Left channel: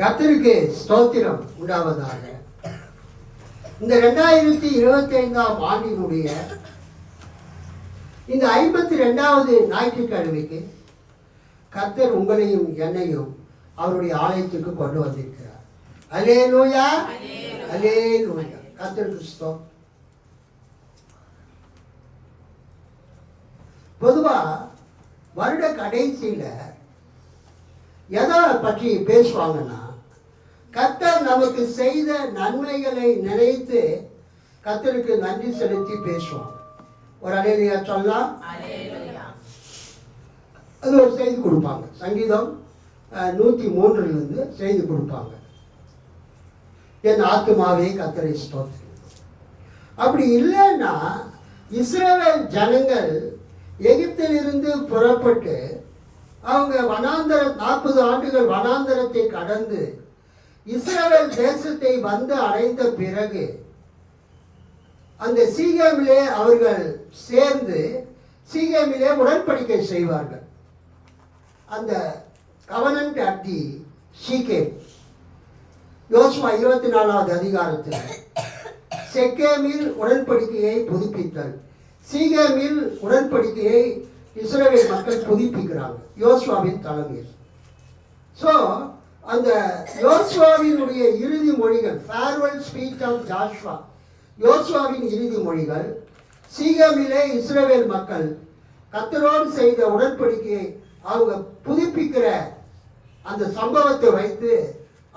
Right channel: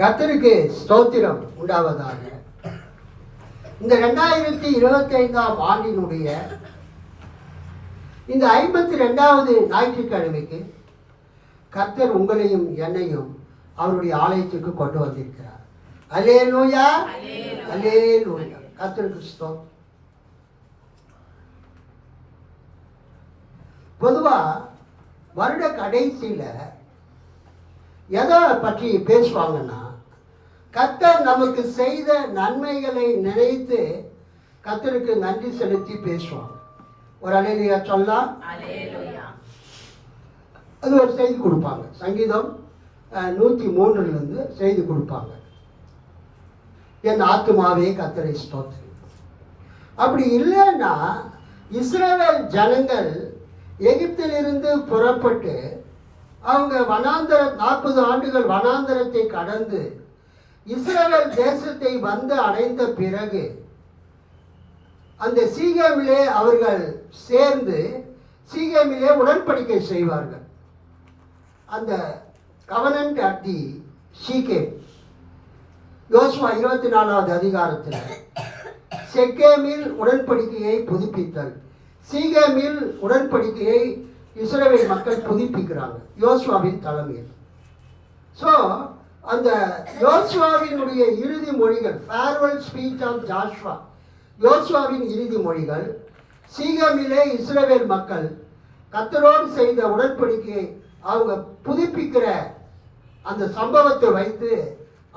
கர்த்தருக்கு ஸ்தோத்திரம் உண்டாவதாக. இந்த 2025ஆம் ஆண்டினுடைய இந்த 52வது ஞாயிற்றுக்கிழமைக்கு கர்த்தர் உங்களையும் என்னையும் அவருடைய ஆலயத்துக்கு கொண்டு வந்திருக்கிறார். அல்லேலூயா, அல்லேலூயா. கர்த்தருக்கு ஸ்தோத்திரம். பொதுவா வருட கடைசியில எதை பற்றி பேசுவாங்கன்னா, கர்த்தர் நமக்கு செய்த நன்மைகளை நினைத்து கர்த்தருக்கு நன்றி செலுத்தி பேசுவோம். ஒரு அல்லேலூயா சொல்லலாம். அது ஒரு செய்தி கொடுப்பாங்க. சங்கீதம் 103 செய்தி கொடுப்பாங்க. என் ஆத்துமாவே கர்த்தரை ஸ்தோத்திரி. அப்படி இல்லைன்னா இஸ்ரவேல் ஜனங்கள் எகிப்திலிருந்து புறப்பட்டு அவங்க 40 ஆண்டுகள் வனாந்தரத்தை கடந்து இஸ்ரவேல் தேசத்தை வந்து அடைந்த பிறகு அந்த சீகேமிலே அவர்கள் சேர்ந்து சீகேமிலே உடன்படிக்கை செய்வார்கள். அந்த கவனன்ட் அட் தி சீகேம், யோசுவா 24வது அதிகாரத்தில் செக்கேமில் உடன்படிக்கையை புதுப்பித்தல், சீகேமில் உடன்படிக்கையை இஸ்ரவேல் மக்கள் புதுப்பிக்கிறாங்க யோசுவாவின் தலைமையில். ஸோ அந்த யோசுவாவினுடைய இறுதி மொழிகள், ஃபேர்வெல் ஸ்பீச் ஆஃப் ஜாஷ்வா, யோசுவாவின் இறுதி மொழிகள், சீகேமிலே இஸ்ரவேல் மக்கள் கர்த்தரோடு செய்த உடன்படிக்கையை அவங்க புதுப்பிக்கிற அந்த சம்பவத்தை வைத்து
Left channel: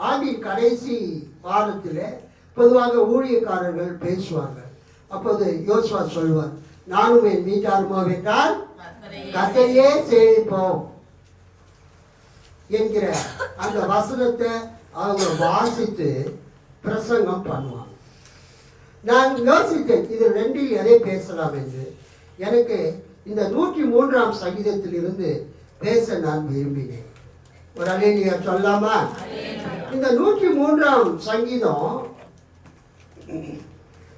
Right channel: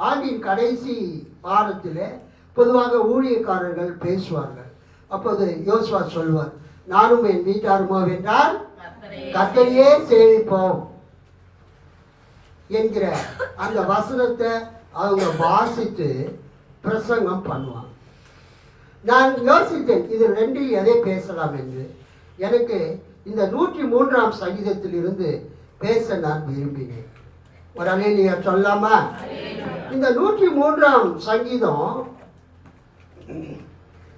ஆண்டின் கடைசி வாரத்தில் பொதுவாக ஊழியக்காரர்கள் பேசுவார்கள். அப்போது யோசுவா சொல்வார், நானும் என் வீட்டாருமோ என்றால் கர்த்தரையே சேவிப்போம் என்கிற அந்த வசனத்தை அவங்க வாசித்து பிரசங்கம் பண்ணுவாங்க. நான் யோசித்தேன், இது ரெண்டில் எதை பேசலாம் என்று. எனக்கு இந்த 103ஆம் சங்கீதத்தில் இருந்து பேச நான் விரும்பினேன். ஒரு அல்லேலூயா சொல்லாமா? இந்த 103ஆம் சங்கீதம்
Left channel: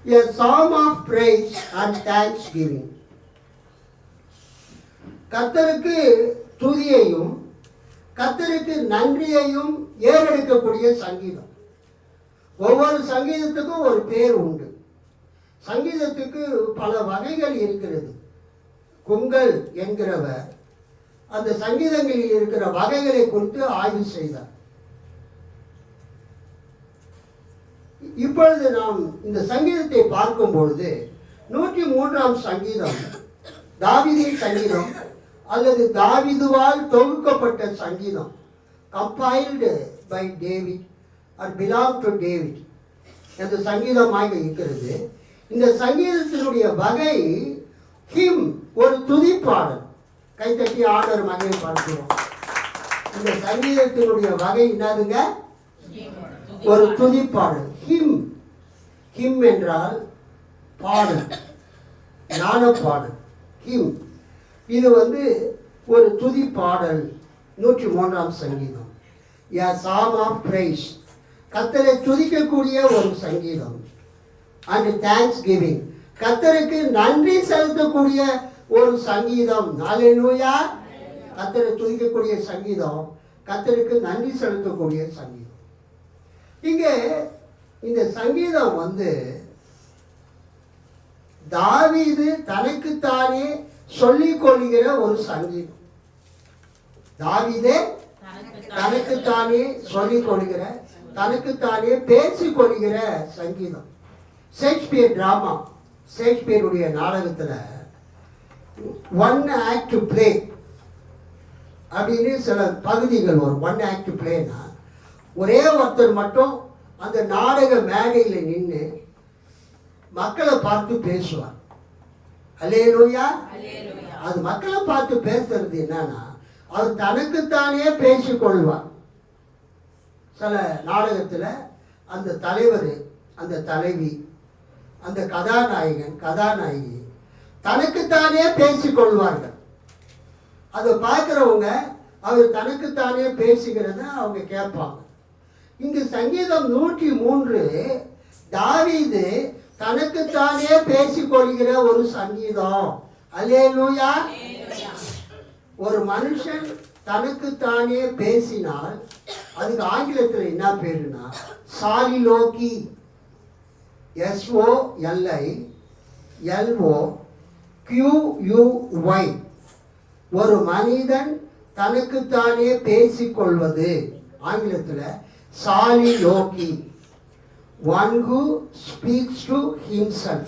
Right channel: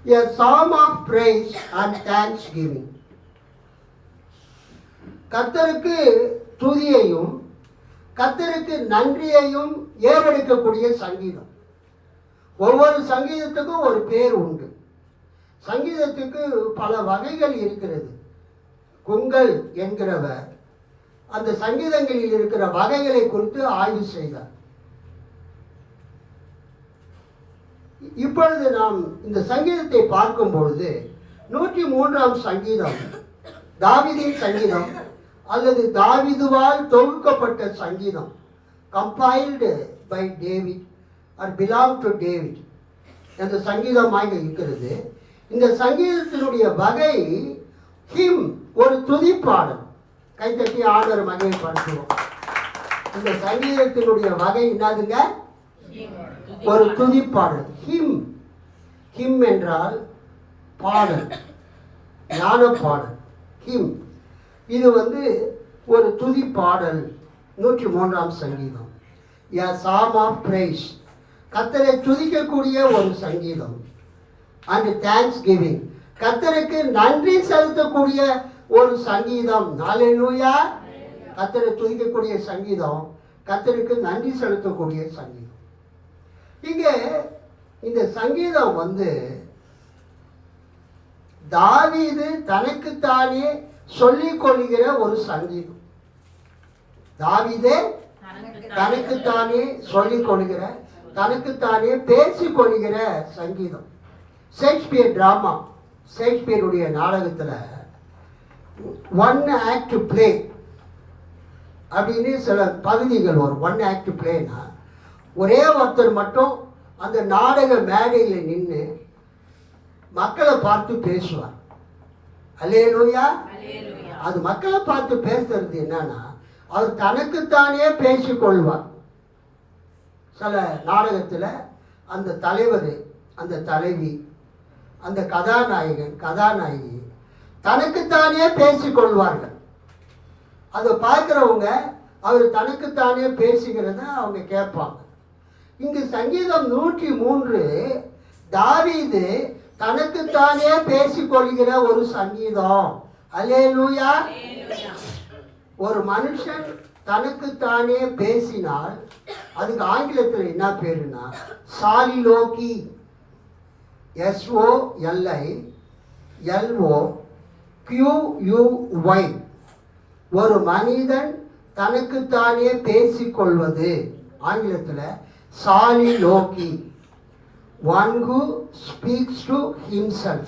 a psalm of praise and thanksgiving. கர்த்தருக்கு துதியையும் கர்த்தருக்கு நன்றியையும் ஏறெடுக்கக்கூடிய சங்கீதம். ஒவ்வொரு சங்கீதத்துக்கும் ஒரு பேர் உண்டு. சங்கீதத்துக்கு பல வகைகள் இருக்கிறது. குங்கல் என்கிறவர் அந்த சங்கீதங்களில் இருக்கிற வகைகளை குறித்து ஆய்வு செய்தார். இப்பொழுது நாம் இந்த சங்கீதத்தை பார்க்கும் பொழுது 103ஆம் சங்கீதம் தாவீதின் சங்கீதம் அல்லது தாவீதுவால் தொகுக்கப்பட்ட சங்கீதம், compiled by David or belong to David என்ற சங்கீதமாக இருக்கிறது. இந்த சங்கீதத்தினுடைய வகை ஹிம், ஒரு துதிப்பாடல். கைத்தட்டி ஆண்டவர் மகிமை பார்க்கிறோம். இந்த சங்கீதத்தினுடைய வகை என்னதுங்க? ஒரு துதிப்பாடல். ஹிம், ஹிம் என்றால் பாடல், ஞான பாடல். ஹிம் இது ஒரு துதிப்பாடல். 103ஆம் சங்கீதம் a psalm of praise, கர்த்தரை துதிக்கக்கூடிய ஒரு சங்கீதம். and thanksgiving, கர்த்தருக்கு நன்றி செலுத்தக்கூடிய ஒரு சங்கீதம். அல்லேலூயா. கர்த்தரை துதிக்கக்கூடிய சங்கீதம், கர்த்தருக்கு நன்றி செலுத்தக்கூடிய சங்கீதம். இங்கே இந்த சங்கீதம் தாவீது தனக்குத்தானே சொல்லிக் கொள்கிற ஒரு சங்கீதம். தாவீதே தனக்குத்தானே சொல்லிக் கொள்கிற, தனக்குத்தானே பேசிக் கொள்கிற சங்கீதம். ஷேக்ஸ்பியர் டிராமா, ஷேக்ஸ்பியருடைய நாடகத்தில் ஒன் ஆக்ட் பிளே அப்படின்னு சில பகுதிகள் வரும். ஒன் ஆக்ட் பிளேனா ஒரே ஒருத்தர் மட்டும் அந்த நாடக மேடையில் நின்று மக்களை பார்த்து பேசுவார். அல்லேலூயா. அது மக்களை பார்த்து பேசுறது என்னன்னா, அவர் தனக்குத்தானே பேசிக்கொள்வார். சில நாடகத்தில் அந்த தலைவர், அந்த தலைவி, அந்த கதாநாயகன், கதாநாயகி தனக்குத்தானே பேசிக்கொள்வார்கள். அதை பார்க்குறவங்க அவர் தனக்குத்தானே பேசுகிறத அவங்க கேட்பாங்க. இங்கு சங்கீதம் 103 தாவீது தனக்குத்தானே பேசிக்கொள்கிற ஒரு சங்கீதம். அல்லேலூயா. ஒரு மனுஷன் தனக்குத்தானே பேசினால் அதுக்கு ஆங்கிலத்தில் என்ன பேருன்னா சாலிலோக்கி. SOLILOQUY. ஒரு மனிதன் தனக்குத்தானே பேசிக்கொள்வது ஆங்கிலத்தில் சாலிலோக்கி. One who speaks to himself.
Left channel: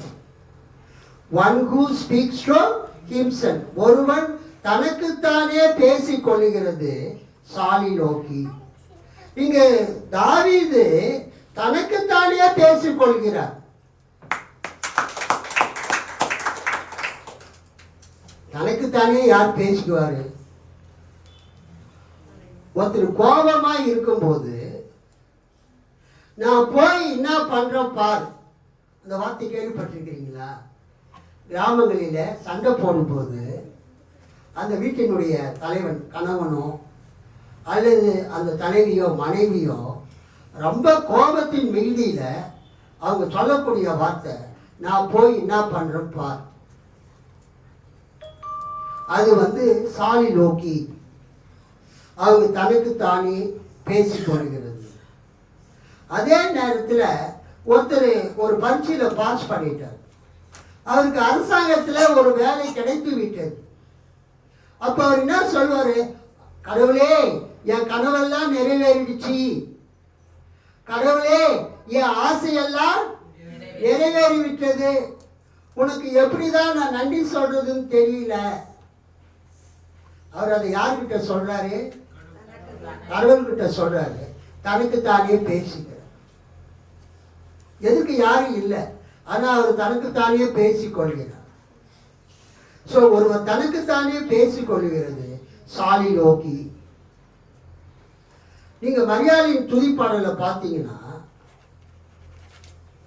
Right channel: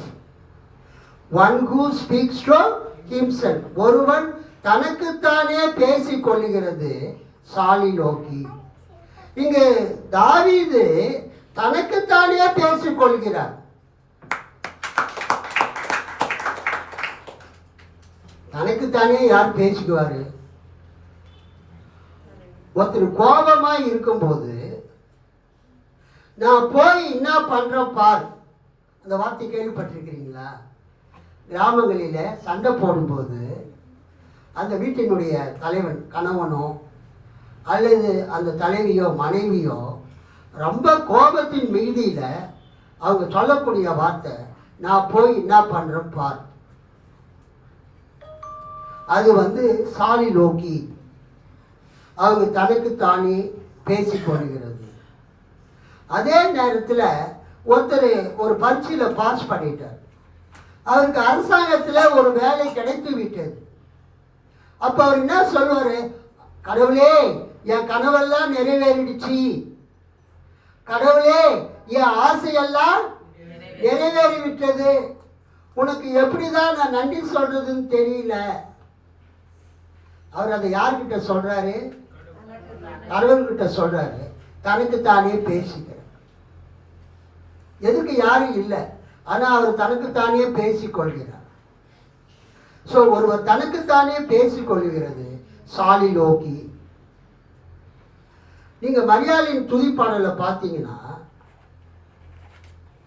One who speaks to himself. ஒருவன் தனக்குத்தானே பேசிக் கொள்ளுகிறது சாலிலோக்கி. இங்கு தாவீது தனக்குத்தானே பேசிக் கொள்கிறார். தனக்குத்தானே யார் பேசிக்குவாரு? ஒருத்தர் கோபமா இருக்கும்போது நான் போய் என்ன பண்றேன் பார். அந்த வார்த்தை கேள்விப்பட்டிருக்கிறீங்களா? கிராமங்களில சண்டை போடும்போது அந்த வீட்டினுடைய தலைவன் கணவனோ அல்லது அந்த தலைவியோ மனைவியோ ரொம்ப கோபத்தின் மீதியில அவங்க சொல்லக்கூடிய வார்த்தை நான் போய் என்ன பண்றேன் பார். அது சாலிலோக்கி. அவங்க தனக்கு தானே பேசிக்கொள்கிறது. அதே நேரத்தில் ஒருத்தர் ஒரு பரீட்சையில் பாஸ் பண்ணிட்டார். அவருக்கு அரசாங்கத்தில் ஒரு வேலை கிடைத்து விட்டது. அப்போ அவர் என்ன சொல்வார்? கடவுளே, என் கனவெல்லாம் நிறைவேறிடுச்சு. கடவுளே, என் ஆசையெல்லாம் நிறைவேறிவிட்டது. உனக்கு எப்படிதான் நான் நன்றி சொல்றதுன்னு தெரியல. அவர் அதை யார்கிட்ட சொல்றாரு? கடவுள்கிட்ட சொல்றாரு. தனக்குத்தானே பேசிக்கிறார். எதுக்கு யாரும் இல்லை, ஆனா அவர் தனக்குத்தானே பேசிக்கொள்கிறார். ஸோ ஒருவர் தனக்குத்தானே பேசிக்கொள்கிறது சாலிலோக்கி. நீங்க மரியாளின் துதிப்பாடல பார்த்தீங்கன்னா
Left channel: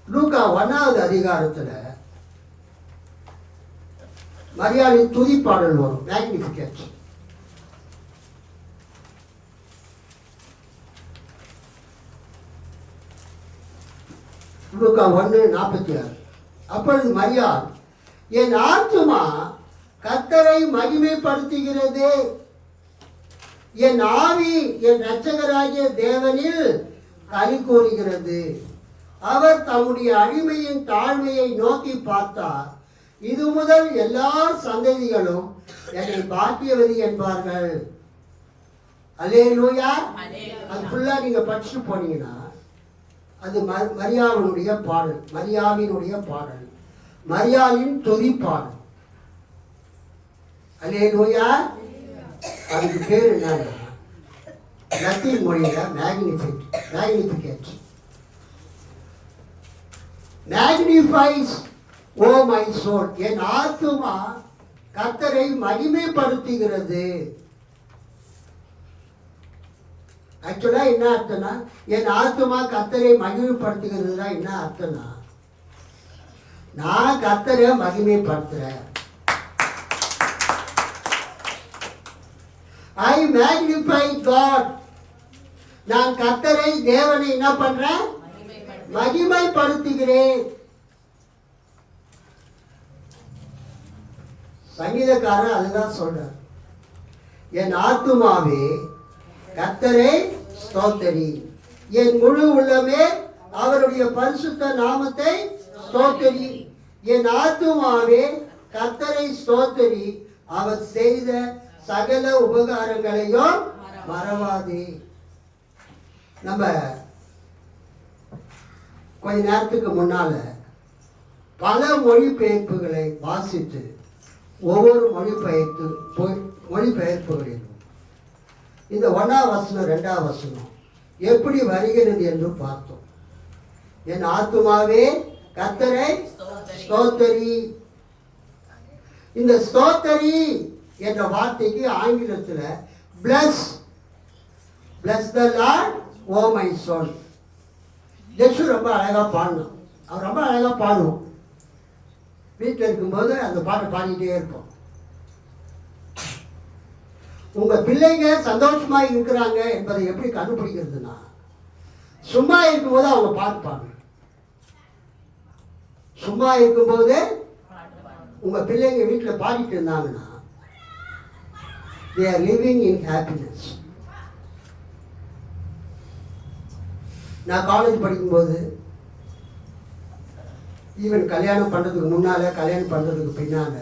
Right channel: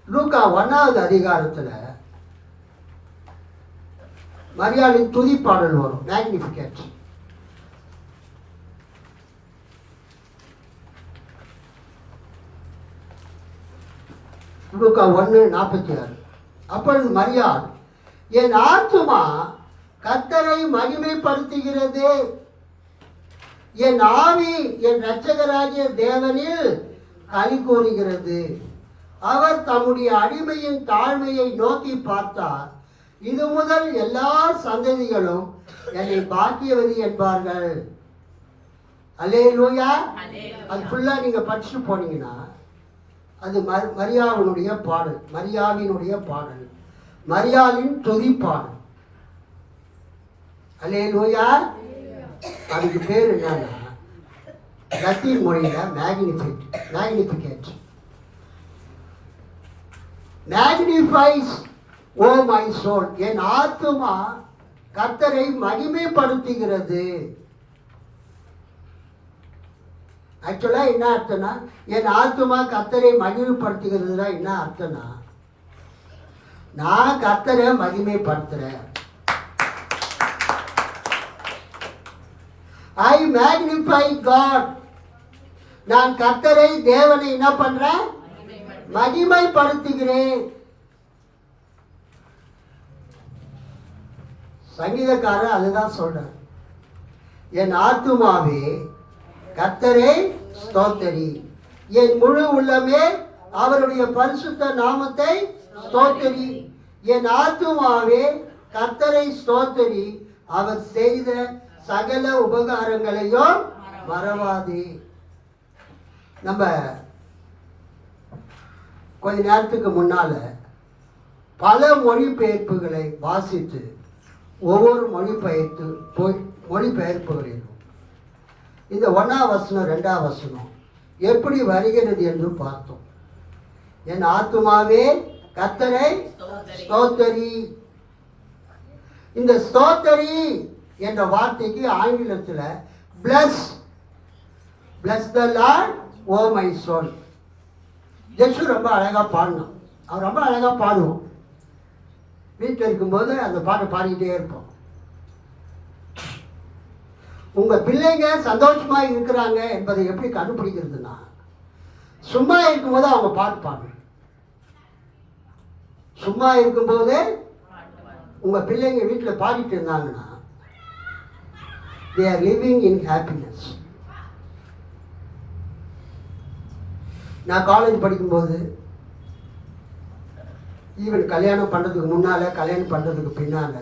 லூக்கா 1வது அதிகாரத்தில் மரியாளின் துதிப்பாடல் வரும். மேக்னிஃபிகேட். லூக்கா 1:46. அப்பொழுது மரியாள், என் ஆத்துமா கர்த்தரை மகிமைப்படுத்துகிறது, என் ஆவி என் இரட்சகராகிய தேவனில் களி கூறுகிறது. அவர் தம்முடைய அடிமையின் தாழ்மையை நோக்கி பார்த்தார். இது முதல் எல்லா சந்ததிகளும் என்னை பாக்கியவதி என்பார்கள். அல்லேலூயா. அது ஃபுல்லா நீங்க படிச்சு போனீங்கன்னா அது மரியாவினுடைய பாடல், மரியாவினுடைய பாடல், மரியாளின் துதிப்பாடல். அல்லேலூயா. அதுக்கு பேர் என்னன்னா லத்தீன் மொழியில Magnificat. Magnifies O my soul. என் ஆத்துமா கர்த்தரை மகிமைப்படுத்துகிறது. ஆக்சுவலா என்ன அர்த்தம்னா, என் ஆத்துமா கர்த்தரை மகிமைப்படுத்துகிறதுனா என்ன அர்த்தம்னா, நான் கர்த்தரை மகிமைப்படுத்துறேன். ஐ மேக்னிஃபை காட். நான் கர்த்தரை தேவனை என்ன பண்றேன்? மகிமைப்படுத்துகிறேன். சங்கீதக்காரர் அதுதான் சொல்றார். என் ஆத்துமாவே கர்த்தரை ஸ்தோத்தரி, என் முழு உள்ளமே அவருடைய பரிசுத்த நாமத்தை ஸ்தோத்தரி. என் ஆத்துமாவே கர்த்தரை ஸ்தோத்தரி, அவர் செய்த சகல உபகாரங்களையும் மறவாதே. நம்ம கொஞ்ச நேரத்துக்கு முன்னால பல மொழிபெயர்ப்புகளை வாசித்து ஒவ்வொரு மொழிபெயர்ப்புகளிலும் இந்த 1ஆம் வசனம் 2ஆம் வசனம் எப்படி வருகிறது என்று பார்த்தோம். என் ஆத்துமாவே கர்த்தரை ஸ்தோத்தரி. இந்த ஸ்தோத்தரி என்ற வார்த்தைக்கு ஆங்கிலத்தில் bless the Lord O my soul. ஜெசு ரொம்ப அழகா பாடணும். அவர் ரொம்ப அழகா பாடுவோம். வீட்டில் இருக்கும்போது அந்த பாட்டை பாடிக்கிட்டே இருப்போம். உங்க பிள்ளைங்க சந்தோஷமா இருக்கிறாங்க என்பதை எப்படி கண்டுபிடிக்கிறதுனா, சும்மா இருக்கும்போது அவங்க பாட்டு பாடணும். சும்மா இருக்கும்போது உங்க பிள்ளைங்க வீட்டில் பாடிட்டு இருந்தாங்கன்னா they are living in happiness. நான் காலேஜ் படிக்கும்போது, ஈவன் கல்யாணம் பண்ணுறதுக்கு முன்னால், கல்யாணம் பண்ணுறதுக்கு பின்னால்,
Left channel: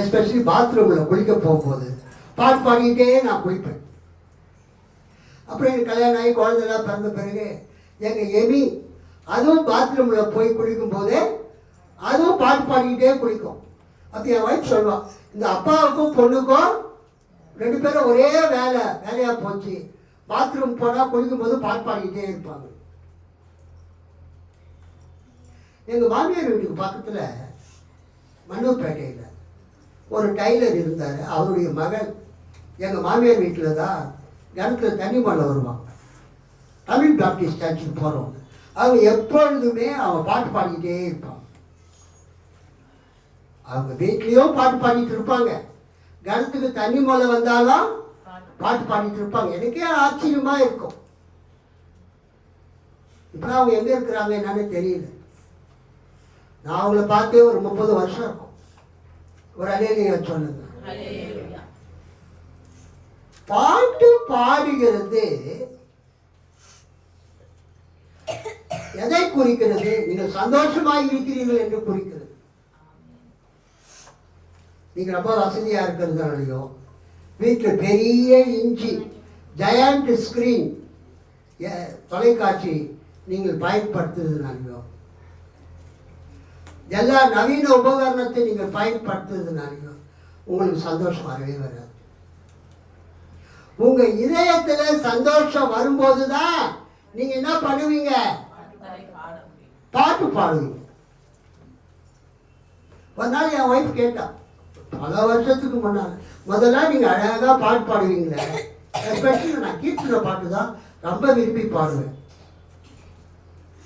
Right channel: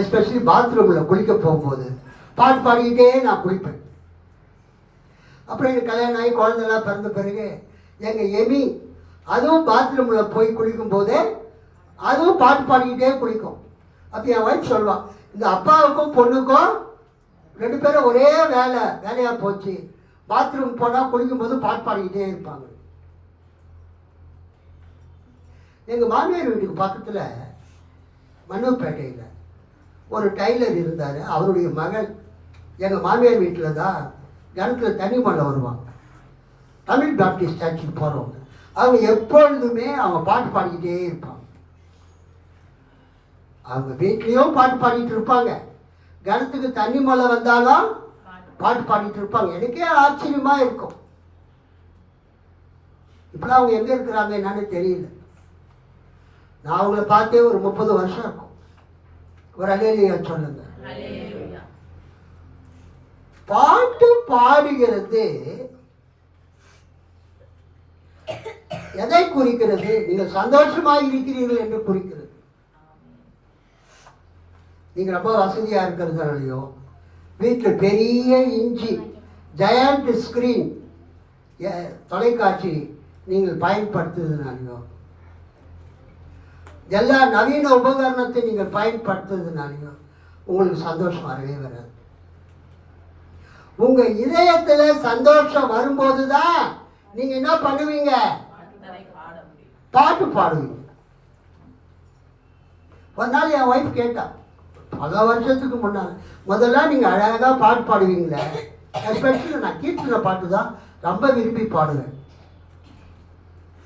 எஸ்பெஷலி பாத்ரூமில் குளிக்க போகும்போது பாட்டு பாடிக்கிட்டே நான் குளிப்பேன். அப்புறம் எனக்கு கல்யாணம் ஆகி குழந்தைலாம் பிறந்த பிறகு எங்கள் எமி அதுவும் பாத்ரூமில் போய் குளிக்கும் போதே அதுவும் பாட்டு பாடிக்கிட்டே குளிக்கும். அப்போ என் ஒய்ஃப் சொல்லுவான், இந்த அப்பாவுக்கும் பொண்ணுக்கும் 2 பேரும் ஒரே வேலையாக போச்சு. பாத்ரூம் போனால் குளிக்கும்போது பாட்டு பாடிக்கிட்டே இருப்பாங்க. எங்கள் மாமியார் வீட்டுக்கு பக்கத்தில் மன்னூர்பேட்டையில் ஒரு டைலர் இருந்தார். அவருடைய மகள் எங்கள் மாமியார் வீட்டில் தான் கிணத்துல தண்ணி மழை வருவான். தமிழ் பாப்டிஸ்ட் சர்ச்சுக்கு போகிறவங்க அவங்க எப்பொழுதுமே அவங்க பாட்டு பாடிக்கிட்டே இருப்பாங்க. அவங்க வீட்லேயும் பாட்டு பாடிட்டு இருப்பாங்க, கிணத்துக்கு தண்ணி மழை வந்தாலும் பாட்டு பாடிட்டு இருப்பாங்க. எனக்கே ஆச்சரியமாக இருக்கும். இப்போலாம் அவங்க எங்கே இருக்கிறாங்க என்னன்னு தெரியல. நான் அவங்கள பார்த்தே ஒரு 30 வருஷம் இருக்கும். ஒரு அல்லேலூயா சொல்லுங்க. பாட்டு பாடுகிறது எதை குறிக்கிறது? நீங்கள் சந்தோஷமாக இருக்கிறீர்கள் என்று குறிக்கிறது. நீங்க ரொம்ப வசதியா இருக்கிறதுனாலையோ, வீட்டில் பெரிய இன்ச்சி ஜெயண்ட் ஸ்கிரீன் தொலைக்காட்சி நீங்கள் பயன்படுத்துறதுனாலையோ, எல்லா நவீன உபகரணத்தை நீங்கள் பயன்படுத்துறதுனாலையோ உங்களுக்கு சந்தோஷம் வரவே வராது. உங்க இதயத்துல சந்தோஷம் வரும்போதுதான் நீங்க என்ன பண்ணுவீங்க? பாட்டு பாடுவீங்க. ஒரு நாள் என் ஒய்ஃப் கேட்டா, பல வருஷத்துக்கு முன்னால, முதல்ல நீங்க அழகா பாட்டு பாடுவீங்களே, எஸ்பெஷலி நான் கீர்த்தனை பாட்டு தான் ரொம்ப விரும்பி பாடுவேன்.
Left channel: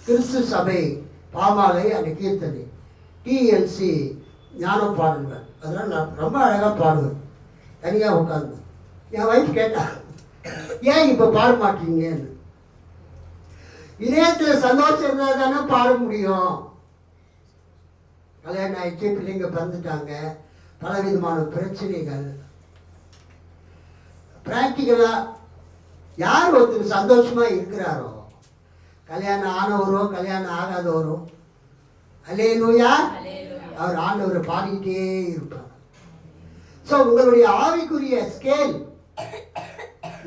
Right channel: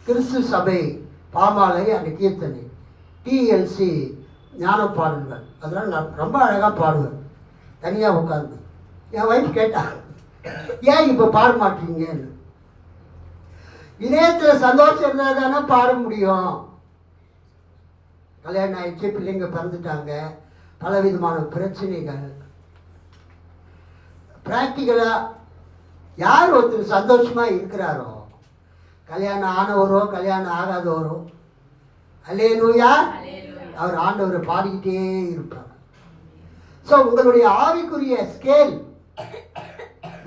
கிறிஸ்து சபை பாமாலை அந்த கீர்த்தனை, டிஎல்சி ஞான பாடல்கள், அதெல்லாம் நான் ரொம்ப அழகாக பாடுவேன் தனியாக உட்காந்து. என் ஒய்ஃப் கேட்டா, ஏன் இப்போ பாட மாட்டீங்கன்னு. இதயத்தில் சந்தோஷம் இருந்தால் தானே பாட முடியும். கல்யாணம் ஆயிடுச்சு, பிள்ளைங்க பிறந்துட்டாங்க, பலவிதமான பிரச்சனைகள். பிராக்டிக்கலாக யார் ஒருத்தர் சந்தோஷமாக இருக்கிறாரோ, கல்யாணம் ஆனவரோ கல்யாணம் ஆகாதவரோ, அல்லேலூயா, அவர் ஆண்டவரை பாடிக்கிட்டே இருப்பார். ஸோ உங்களுடைய ஆவிக்குரிய ஸ்கேல்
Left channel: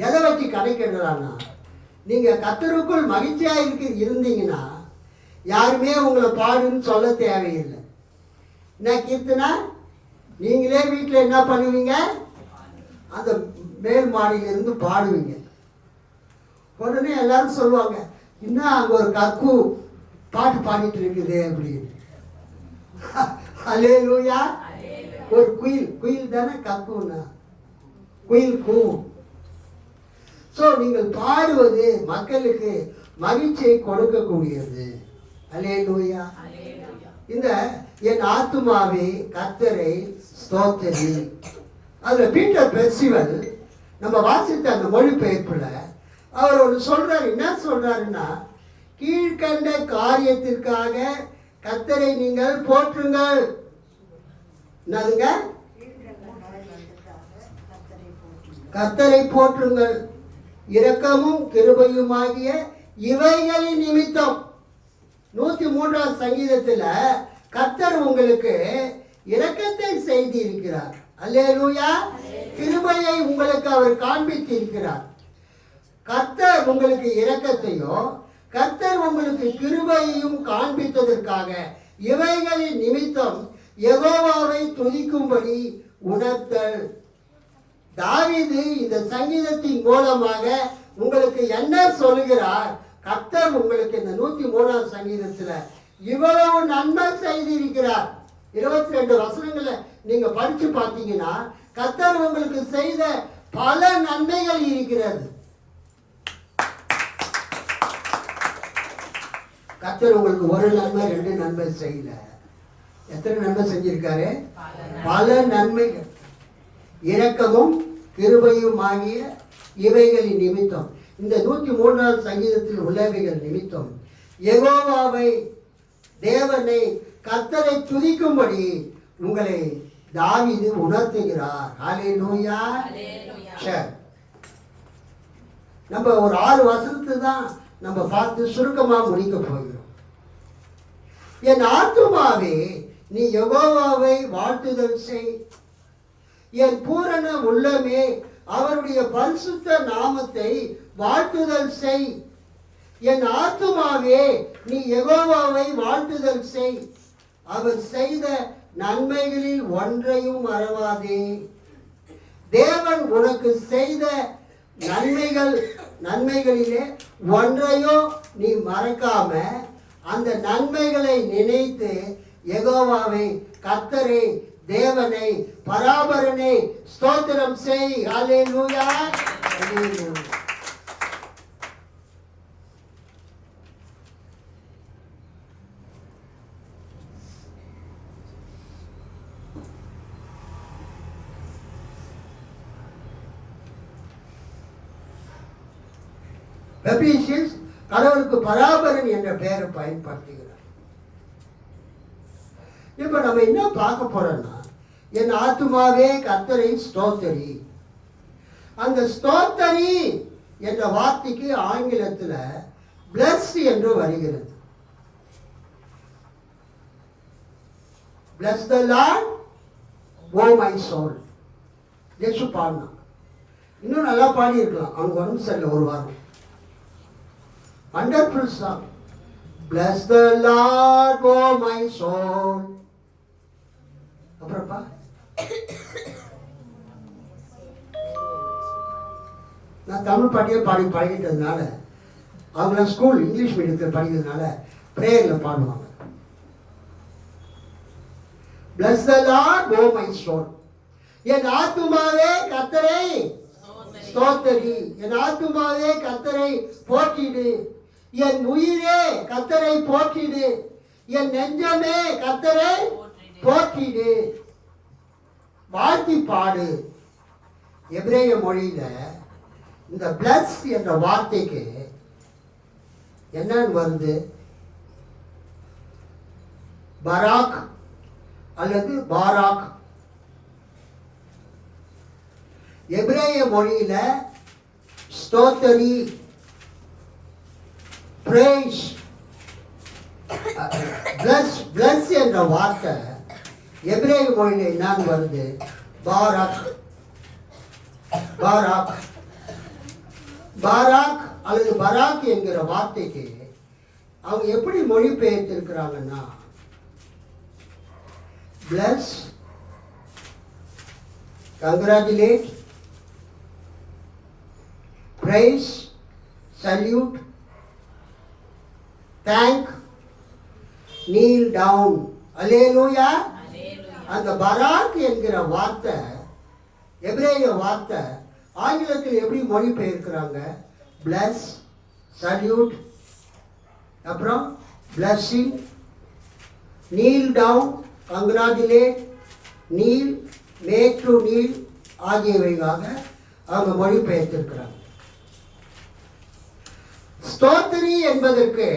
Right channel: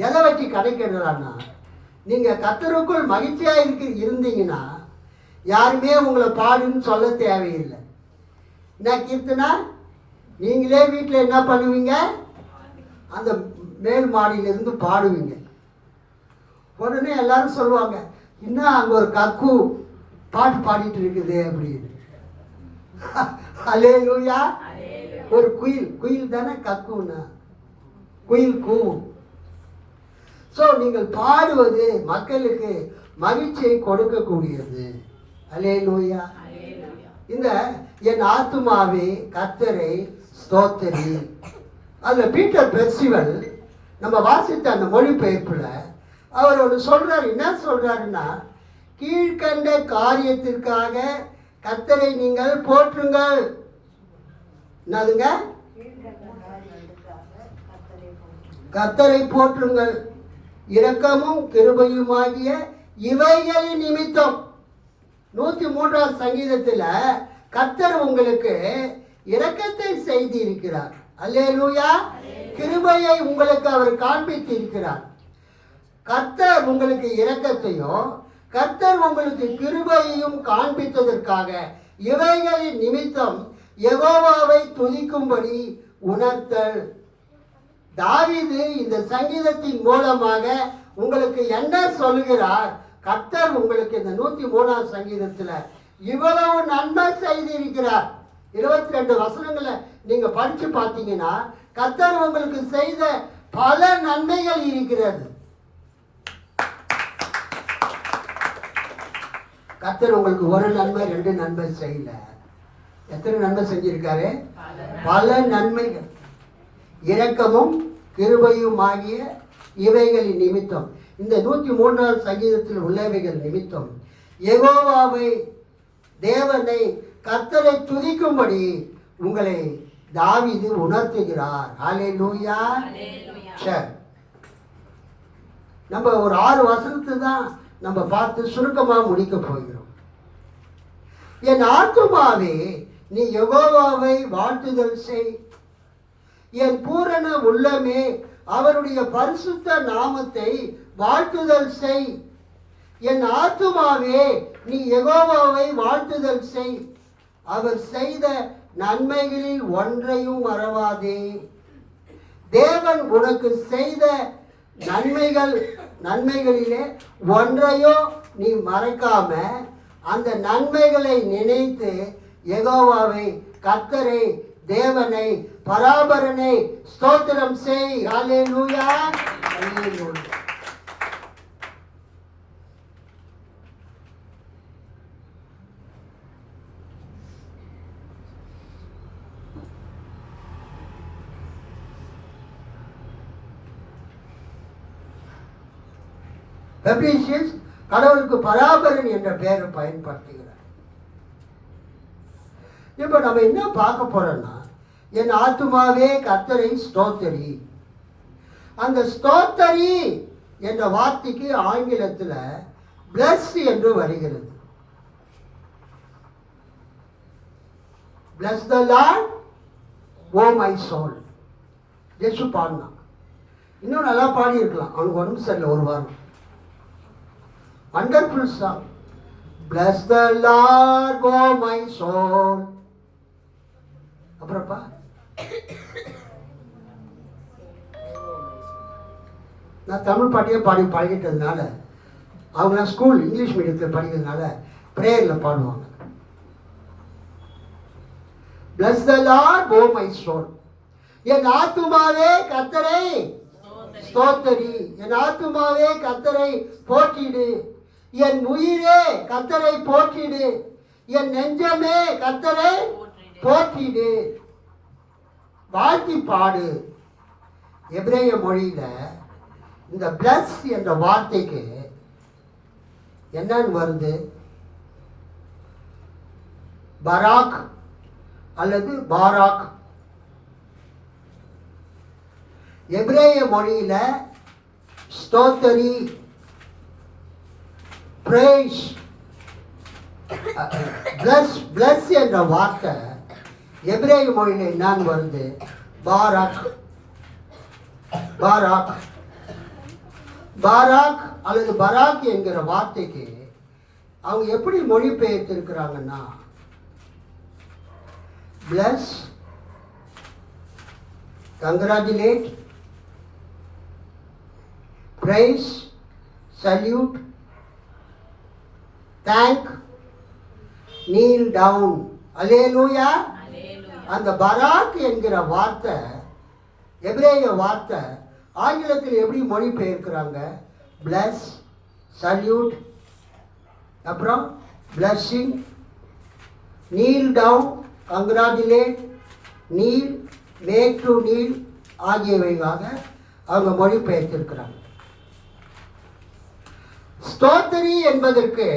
எதை வச்சு கணக்கிடுறான்னா, நீங்கள் கர்த்தருக்குள் மகிழ்ச்சியாக இருந்தீங்கன்னா யாருமே உங்களை பாடுன்னு சொல்ல தேவையில்லை. என்ன கீர்த்தனா, நீங்களே வீட்டில் என்ன பண்ணுவீங்க? அந்த மேல் மாடியிலிருந்து பாடுவீங்க. உடனே எல்லாரும் சொல்லுவாங்க, இன்னும் அங்கே ஒரு கக்கு பாட்டு பாடிட்டு இருக்குது அப்படின்னு. அல்லேலூயா. ஒரு குயில் தானே கக்குன்னா, குயில் கூவும். ஸோ நீங்கள் பாடுவது மக்களுக்கு மகிழ்ச்சியை கொடுக்கக்கூடியது. அல்லேலூயா. இந்த என் ஆத்துமாவே கர்த்தரை ஸ்தோத்திரி, அதில் பீட்டர் பெர்சிவல் நம்ம வாசித்த அந்த மொழிபெயர்ப்பில் அவர் ஒன்று சொல்றாரு. என்ன சொல்றாருன்னா, கீழ்கண்ட காரியத்திற்காக கர்த்தரை நீங்கள் போற்றுங்கள். என்னதுங்க? கர்த்தரை போற்றுங்கள், இரக்கமும் கிருபையுமாகிய இவைகளின் நிமித்தம். 103ஆம் சங்கீதத்தில் கர்த்தர் உங்களுக்கு இரக்கத்தை செய்து இருக்கிறார். அல்லேலூயா. கிருபையை உங்களுக்கு அவர் காண்பித்து இருக்கிறார். கர்த்தர் உங்களுக்கு இரக்கத்தையும் கர்த்தர் உங்களுக்கு கிருபையையும் காண்பித்ததற்காக இவைகளின் நிமித்தம் யெகோவாவை துதிக்கும்படி உணர்த்தல். தாவீது இந்த சங்கீதத்தின் மூலமாக உங்களுக்கு என்ன சொல்கிறார்? கர்த்தர் உங்களுக்கு இந்த 103ஆம் சங்கீதத்தில் இவ்வளவு நன்மை செய்திருக்கிறார். 22 வசனங்களை நீங்க படிச்சு பார்த்தீங்கன்னா கர்த்தர் உங்களுக்கு செய்த பல நன்மைகள் இருக்கிறது. கர்த்தர் உங்களுக்கு ஒரு நன்மை 2 நன்மை செய்யல. எத்தனை நன்மை செஞ்சிருக்காரு? பல நன்மைகள். இரக்கமும் கிருபையும் ஆகிய இவைகளின் நிமித்தம், இந்த 103ஆம் சங்கீதத்தில் உள்ளவைகள் நிமித்தம் யெகோவாவை, தேவனை, கர்த்தரை துதிக்கும்படி உங்களை தாவீது உணர்த்துகிறார். ஹல்லேலூயா. சரி, நம்ம ஒரு 6 வசனத்தை தான் நம்ம பார்த்து சுருக்கமாக முடிக்க போகிறோம். என் ஆத்துமாவே நீ யெகோவாவை வாழ்த்துதல் செய், என் பூரண உள்ளமே அவருடைய பரிசுத்த நாமத்தை வாழ்த்துதல் செய். என் ஆத்துமாவே நீ யெகோவாவை வாழ்த்துதல் செய், அவர் செய்த நன்மைகளில் ஒன்றையும் மறவாதே. தேவன் உனக்கு செய்த நன்மைகளிலே ஒன்றையும் நீ மறக்காம அந்த நன்மைகளை நினைத்து யெகோவாவை, கர்த்தரை, தேவனை, பராபரனை ஸ்தோத்திரம் செய். ஹல்லேலூயா, ஹல்லேலூயா. எபேசியஸ் கடவுளுக்கு பராபரன் என்ற பெயரை பயன்படுத்துகிறார். இப்போ நம்ம என்ன பார்க்க போறோம்னா, என் ஆத்துமாவே கர்த்தரை ஸ்தோத்தரி. அந்த ஸ்தோத்தரி என்ற வார்த்தைக்கு ஆங்கிலத்தில் பிளஸ் என்று வருகிறது. Bless the Lord O my soul. ஜெசு பாடினா இன்னும் நல்லா பாடி இருக்கலாம், அவனுக்கு உடம்பு சரியில்லை ஒரு வாரம். Wonderful song. Bless the Lord, oh my soul. அப்புறப்பா நான் தமிழ் பாட்டியே பழகிட்டதுனால, அவங்க ஸ்கூல் இங்கிலீஷ் மீடியத்தில் படிக்கிறதுனால பிரேயரில் பாடுவாங்க. Bless the Lord, oh my soul. என் ஆத்துமாவே கர்த்தரை ஸ்தோத்தரி. என் ஆத்துமாவே கர்த்தரை போற்றிடு. என் உயிரே கர்த்தரை போற்றிடு. என் நெஞ்சமே கர்த்தரை போற்றிடு. வாழ்த்தி பாடு. எபிரேய மொழியில இந்த பிளஸ் என்ற வார்த்தைக்கு என்னன்னு வருது? பராக் அல்லது பாராக். எபிரேய மொழியில ஸ்தோத்தரி, பிரேஸ், பிளஸ் என்ற வார்த்தை எபிரேய மொழியில என்னன்னு வருது? பாராக். பாராக் பாராக் அல்லது பராக் என்கிற வார்த்தைக்கு அவங்க எப்படி மொழிபெயர்த்திருக்கிறாங்கன்னா, bless, congratulate, praise, salute, thank, kneel down. அல்லேலூயா. அந்த பராக் என்கிற வார்த்தை, எபிரேய வார்த்தை ஆங்கிலத்தில் எப்படி மொழிபெயர்க்கிறாங்க? பிளஸ், சல்யூட், அப்புறம் blessing, kneel down, congratulate, kneel, make to kneel ஆகியவையாக அவங்க மொழிபெயர்த்திருக்கிறாங்க. ஸ்தோத்திரி என்பதற்கு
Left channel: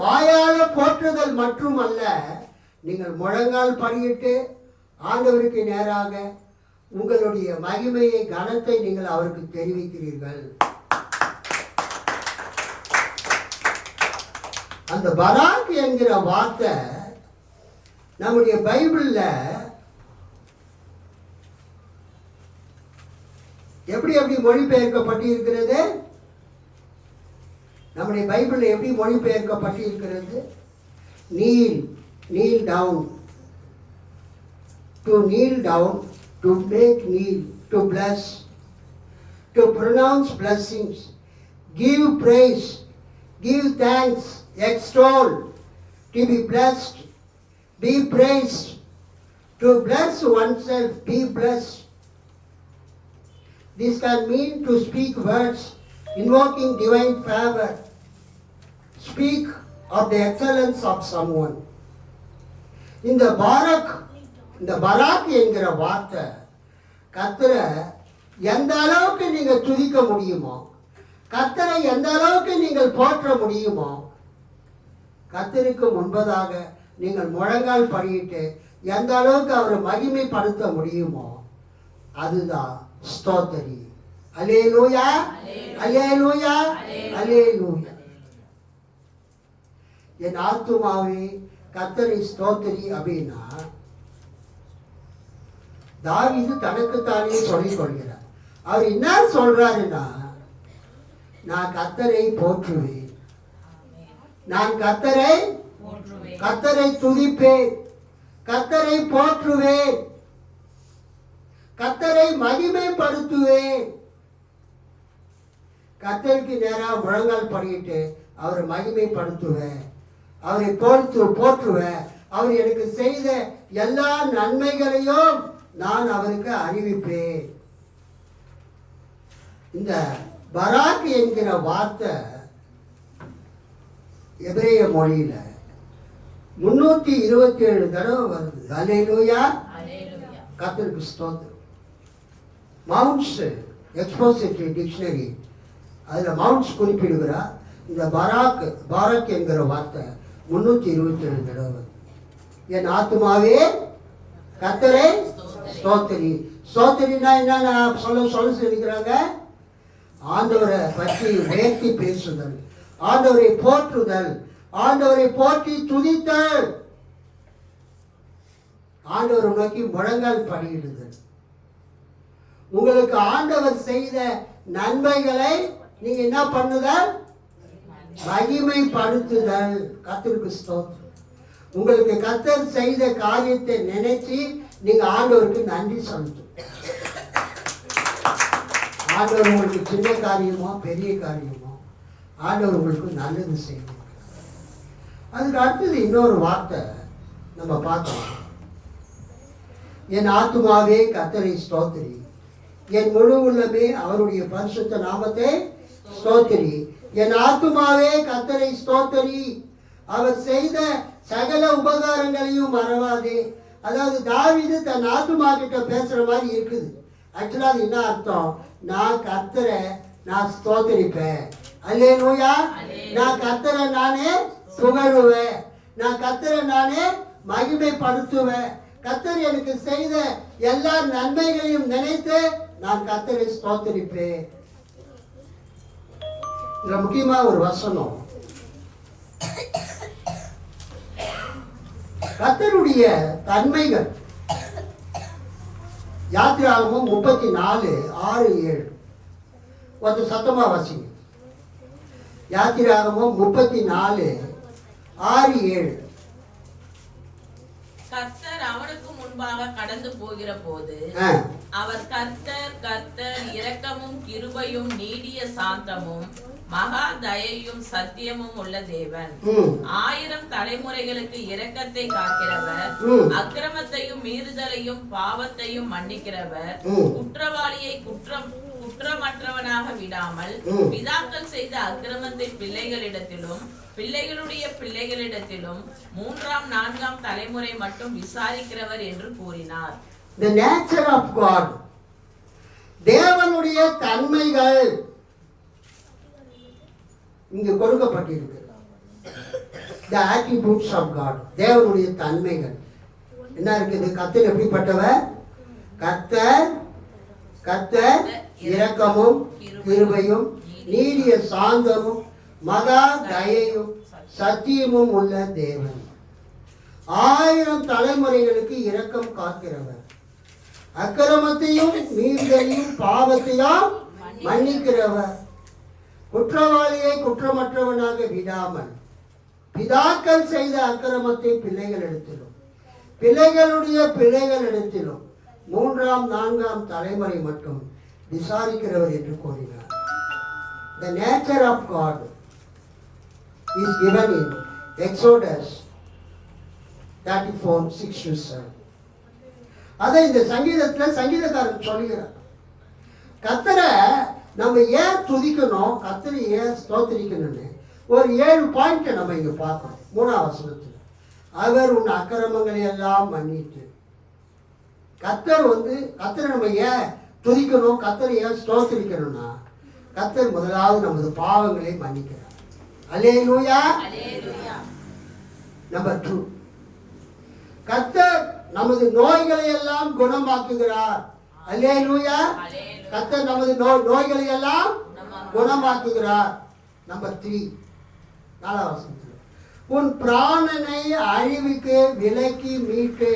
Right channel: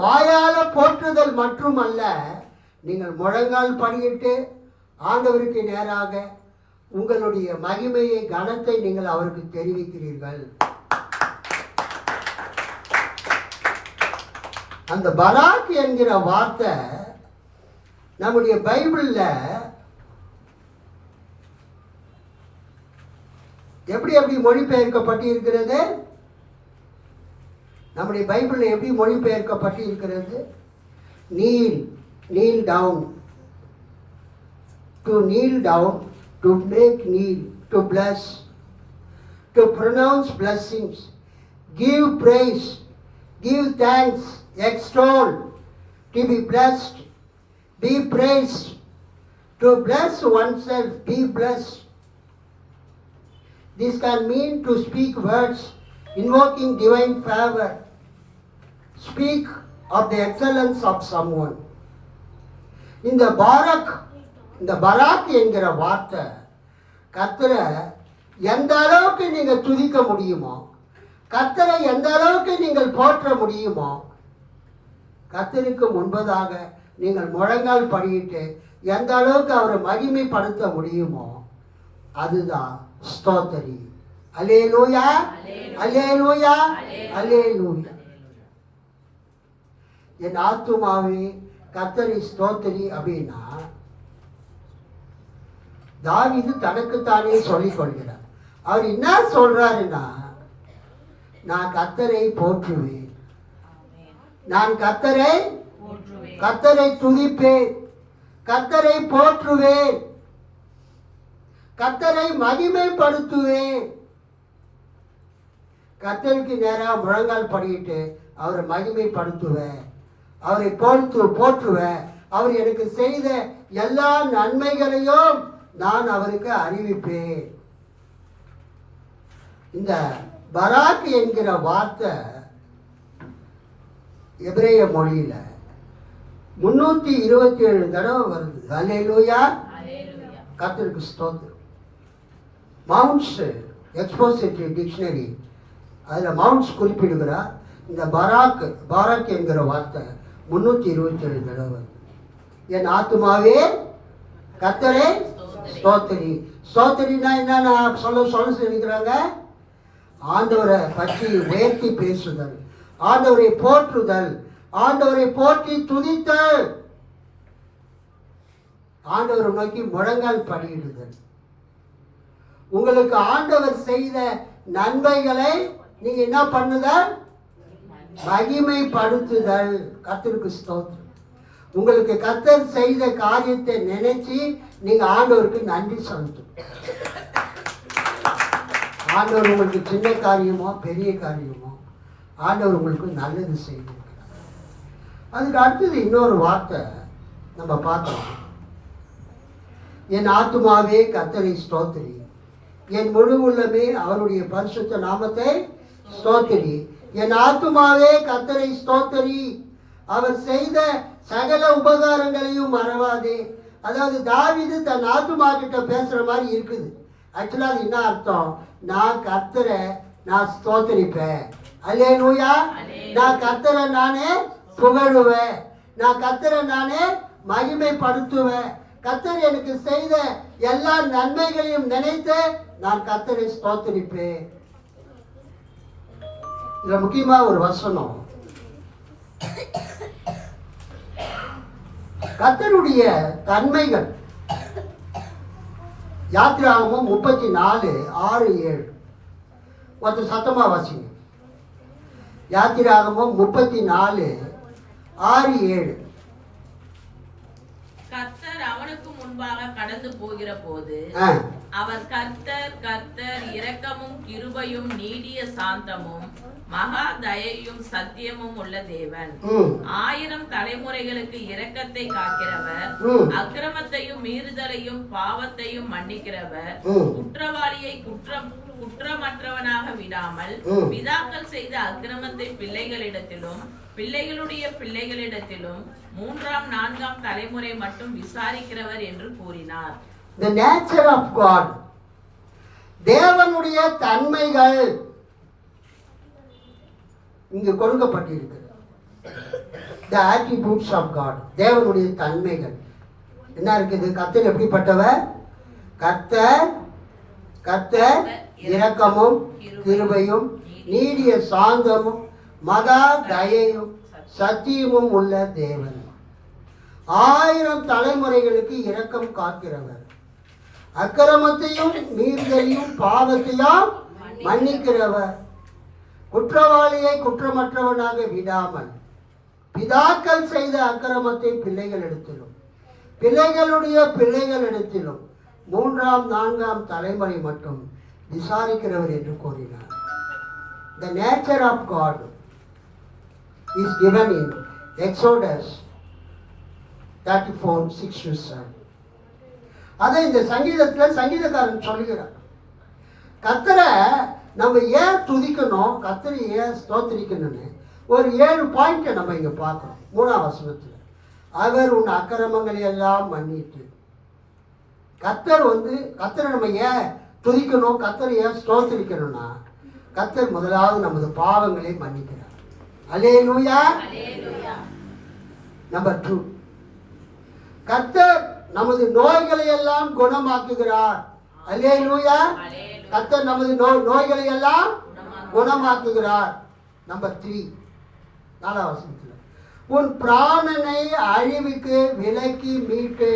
வாயால போற்றுதல் மட்டுமல்ல, நீங்கள் முழங்கால் படியிட்டு ஆண்டவருக்கு நேராக உங்களுடைய மகிமையை, கனத்தை நீங்கள் அவருக்கு தெரிவிக்கிறீர்கள். அந்த பராக் என்கிற வார்த்தை நம்முடைய பைபிள்ல எப்படி மொழிபெயர்க்கப்பட்டு இருக்கிறது? நம்முடைய பைபிளில் எப்படி மொழிபெயர்க்கப்பட்டு இருக்கிறது? kneel down, to kneel down, to make kneel, to bless, to pronounce blessings, give praise, give thanks, extol, to be blessed, be praised, to bless oneself, be blessed. This can mean to speak words invoking divine favor, speak of the excellence of someone. இந்த பராக் என்கிற வார்த்தை கர்த்தரை எந்த அளவுக்கு நீங்கள் துதிக்க முடியுமோ, கர்த்தரை எந்த அளவுக்கு நீங்கள் போற்ற முடியுமோ, கர்த்தருக்கு முன்பதாக நீங்கள் முழங்கால் படியிட்டு எந்த அளவுக்கு அவரை மகிமைப்படுத்த முடியுமோ, அதுதான் ஸ்தோத்திரி. அல்லேலூயா, அல்லேலூயா, அல்லேலூயா. என் ஆத்துமாவே கர்த்தரை ஸ்தோத்திரி அப்படின்னா தாவீது தனக்குத்தானே சொல்லிக் கொள்கிறார். அவர் என்ன சொல்றாருன்னா, நான் கர்த்தரை போற்றுவேன், நான் கர்த்தரை துதிப்பேன், கர்த்தரை போற்றுவேன், கர்த்தரை மகிமைப்படுத்துவேன். கர்த்தருக்கு நேராக முழங்கால் படிக்கிட்டு அவரை மகிமைப்படுத்துவேன், அவரை போற்றுவேன். அவர் எனக்கு செய்த எல்லா நன்மைகளையும் நான் அவருக்கு அறிவிப்பேன். இந்த பராக் என்கிற வார்த்தை எபிரேய மொழியில 327 தடவை வருது. அல்லேலூயா, கர்த்தருக்கு ஸ்தோத்திரம். மவுண்ட்ஸ் எக்ஸ்போசிட்டரி டிக்ஷனரி அதில் மவுண்ட்ஸ் குறிப்பிடுகிறார். இந்த பாராக் என்கிற வார்த்தை 327 தடவை. என் ஆத்துமாவே கர்த்தரை ஸ்தோத்திரி. ஸ்தோத்திரினா என்ன சொல்ல சொல்லிக்கிறாங்க? ஆண்டவரை பற்றி உயர்த்தி பேசுதல், ஆண்டவரை போற்றுதல், ஆண்டவரை போற்றி துதித்தல், ஆண்டவரை நோக்கி முழங்கால் படியிடுதல். உங்களுக்கு ஆண்டவர் செய்த நன்மைகளை நீங்க என்ன பண்ணுதல்? மகிமைப்படுத்துதல். கர்த்தருக்கு ஸ்தோத்திரம். உங்களுக்கு கர்த்தர் செய்த காரியத்தை நினைச்சு நீங்க ஆண்டவருக்கு நன்றி செலுத்தும். ஆண்டவர் உங்களுக்கு சின்ன காரியமோ பெரிய காரியமோ ஆண்டவர் உங்களுக்கு நல்லது செய்யும். அதுக்கு அடுத்தது இன்னொரு வார்த்தை நம்ம பார்த்தோம். என் ஆத்துமாவே கர்த்தரை ஸ்தோத்திரி, என் முழு உள்ளமே அவருடைய பரிசுத்த நாமத்தை ஸ்தோத்திரி. என் ஆத்துமாவே கர்த்தரை ஸ்தோத்திரி, அவர் செய்த சகல உபகாரங்களையும் மறவாதே. அதாவது தாவீது தன் ஆத்துமா கிட்ட பேசுற மாதிரி இருக்குது. ஆக்சுவலா அது என்ன அர்த்தம்? நான் கர்த்தரை நான் ஸ்தோத்திரிப்பேன். அல்லேலூயா. நான் கர்த்தரை நானே புகழுவேன், நான் கர்த்தரை நானே மகிமைப்படுத்துவேன். கர்த்தர் எனக்கு செய்த எல்லா நன்மைகளையும் நினைத்து நான் கர்த்தரை ஸ்தோத்திரிப்பேன். இதுல முக்கியமா ஒரு வசனம், கர்த்தருடைய தன்மைகள். யாத்திராகமம் 34:6-7. ஒருத்தர் சத்தமா வாசிங்க. யாத்திராகமம் 34:6-7. கர்த்தர் அவனுக்கு முன்பாக கடந்து போகிற போது அவர் கர்த்தர் இரக்கமும் கிருபையும் நீடிய சாந்தமும் மகா தயையும் சத்தியமும் உள்ள தேவன், 1000 தலைமுறைகளுக்கு இரக்கத்தை காக்கிறவர், அக்கிரமத்தையும் மீறுதலையும் பாவத்தையும் மன்னிக்கிறவர், குற்றவாளியை குற்றமற்றவனாக விடாமல் பிதாக்கள் செய்த அக்கிரமத்தை பிள்ளைகளிடத்திலும் பிள்ளைகளுடைய பிள்ளைகளிடத்திலும் 3ஆம் 4ஆம் தலைமுறை மட்டும் விசாரிக்கிறவர் என்று கூறினார். The nature of God, தேவனுடைய தன்மைகள் இங்கு கொடுக்கப்பட்டிருக்கிறது. The attributes of God, தேவனுடைய தன்மைகள் என்ன இருக்குது? கர்த்தர் எப்படிப்பட்டவர்? கர்த்தர் இரக்கமும் கிருபையும் நீடிய சாந்தமும் மகா தயையும் சத்தியமும் உள்ள தேவன், 1000 தலைமுறைகளுக்கு இரக்கம் காக்கிறவர், அக்கிரமத்தையும் மீறுதலையும் பாவத்தையும் மன்னிக்கிறவர், குற்றவாளியை குற்றமற்றவனாக விடாமல் பிதாக்கள் செய்த அக்கிரமத்தை பிள்ளைகளிடத்திலும் பிள்ளைகளுடைய பிள்ளைகளிடத்திலும் 3ஆம் 4ஆம் தலைமுறை மட்டும் விசாரிக்கிறவர் என்று கூறினார். The nature of God is given in Exodus 34:6-7. அதை இந்த சங்கீதத்தில் சங்கீதக்காரன் சொல்கிறார். கர்த்தரை நம்ம ஏன் துதிக்கணும், கர்த்தரை ஏன் ஸ்தோத்திரிக்கணும்னு ஒரு 7 பாயிண்ட் நம்ம இங்க பார்க்கணும். 3ஆம் வசனத்தில் அவர் உன் அக்கிரமங்களை எல்லாம் மன்னித்து. கர்த்தரை நம்ம ஏன் துதிக்கணும், கர்த்தரை ஏன் ஸ்தோத்திரிக்கணும்னா, கர்த்தர் முதலாவது நமது பாவங்களை மன்னிக்கிறார். அல்லேலூயா. நம்பர் 2, கர்த்தர் நமது நோய்களை எல்லாம் குணமாக்குகிறார். அல்லேலூயா. கர்த்தர் நமது நோய்களை எல்லாம் குணமாக்குகிறார். நம்பர் 3, 4ஆம் வசனத்தில், உன் பிராணனை அழிவுக்கு விலக்கி மீட்டு.